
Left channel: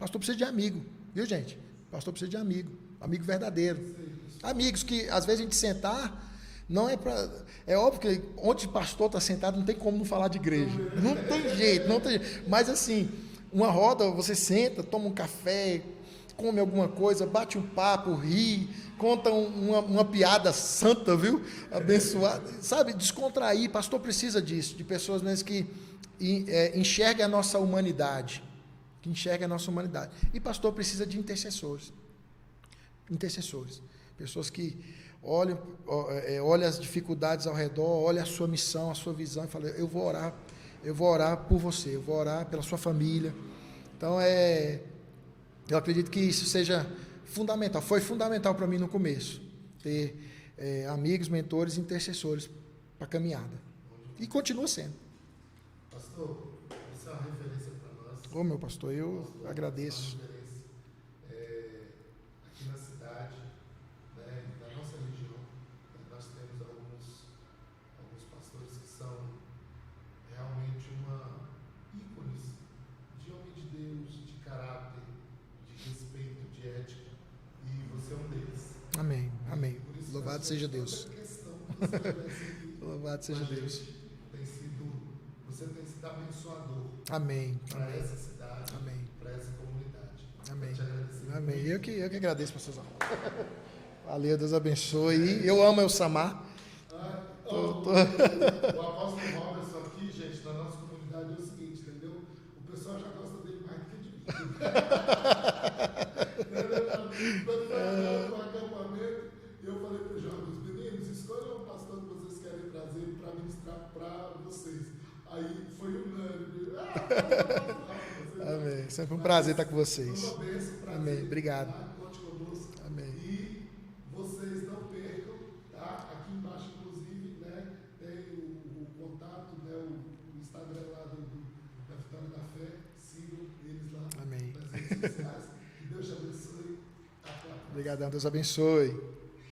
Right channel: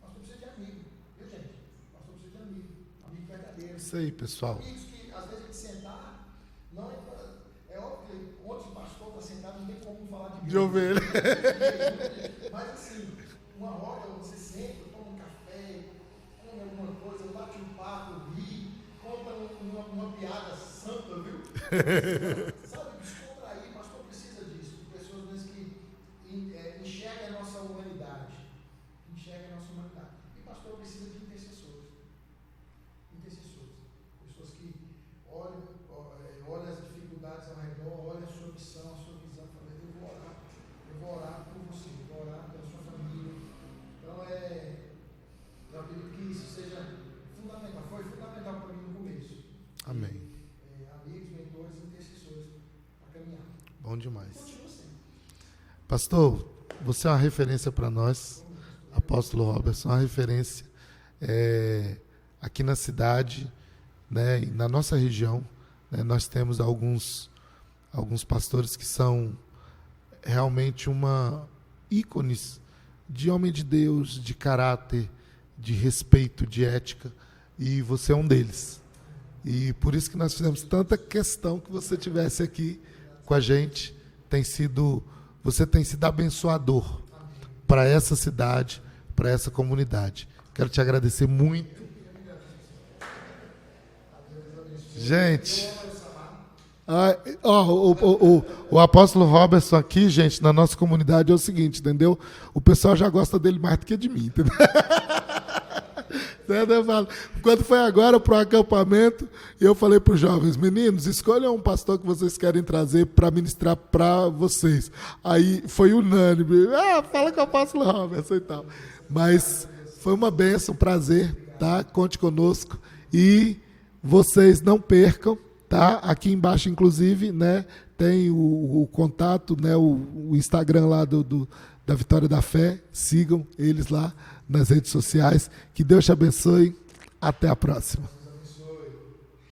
Pastor precisa de amigo, viu, gente? Pastor precisa de amigo verdadeiro. Isso aí, pessoal. Amigos que, às vezes, a gente sentar, não é para... É óbvio que onde o pastor está sentado, não tem como não falar de igreja. Não tem jeito. Mas, assim, uma roda, você senta, toma um café, come alguma coisa, bate um papo, ri, conta uma piada santa, viu? Sabe, descontrair. Pastor precisa disso, de pessoas mesmo que enxerguem a nossa humanidade. E pastor precisa de intercessores. Pessoas que olham as dificuldades ao redor, olham a sua missão, a sua visão e falam: eu vou orar por você, eu vou orar pela sua família. Então, eu acredito que isso seja fundamental, foi fundamental para mim no começo, ter amigos, mentores, intercessores para a caminhada. Bom demais. E continua sendo. Pastor, você é uma referência para nós. Ô, meu pastor, Apóstolo Robertson, uma referência aqui na cidade, né, e na nossa região, né, nós temos alguns pastores que são realmente ícones de homem de Deus, de caráter, de respeito, de ética, e você é um deles. Amém. E Amém. por isso que nós fizemos tanta questão que você estivesse aqui com a gente. Você tem sido abençoador para essa cidade, para essa comunidade. Amém. Quero te agradecer muito. Eu que agradeço, pastorzão. Valeu, Deus abençoe. Gente, eu amo Elsamar. O apóstolo Robertson aqui, gente, na nossa comunidade é o seguinte, entendeu? O pessoal já gosta dele mais do que de mim, entendeu? Quando foi agora para o acampamento, eu falei para os jovens: meninos, escolham um pastor que vocês querem trazer para ministrar para vocês. Aí foi unânime: fala que eu passo lá, Robertson e tal. Sempre um prazer estar com vocês. Foi uma bênção, um prazer. Obrigado. Tá? Conte conosco. Amém. E vocês não percam, tá? Aqui embaixo, inclusive, né, tem o contato, né, o Instagram lá da Vitória da Fé. Sigam eles lá nas redes sociais. Que Deus te abençoe. Até a próxima. Obrigado, Deus abençoe.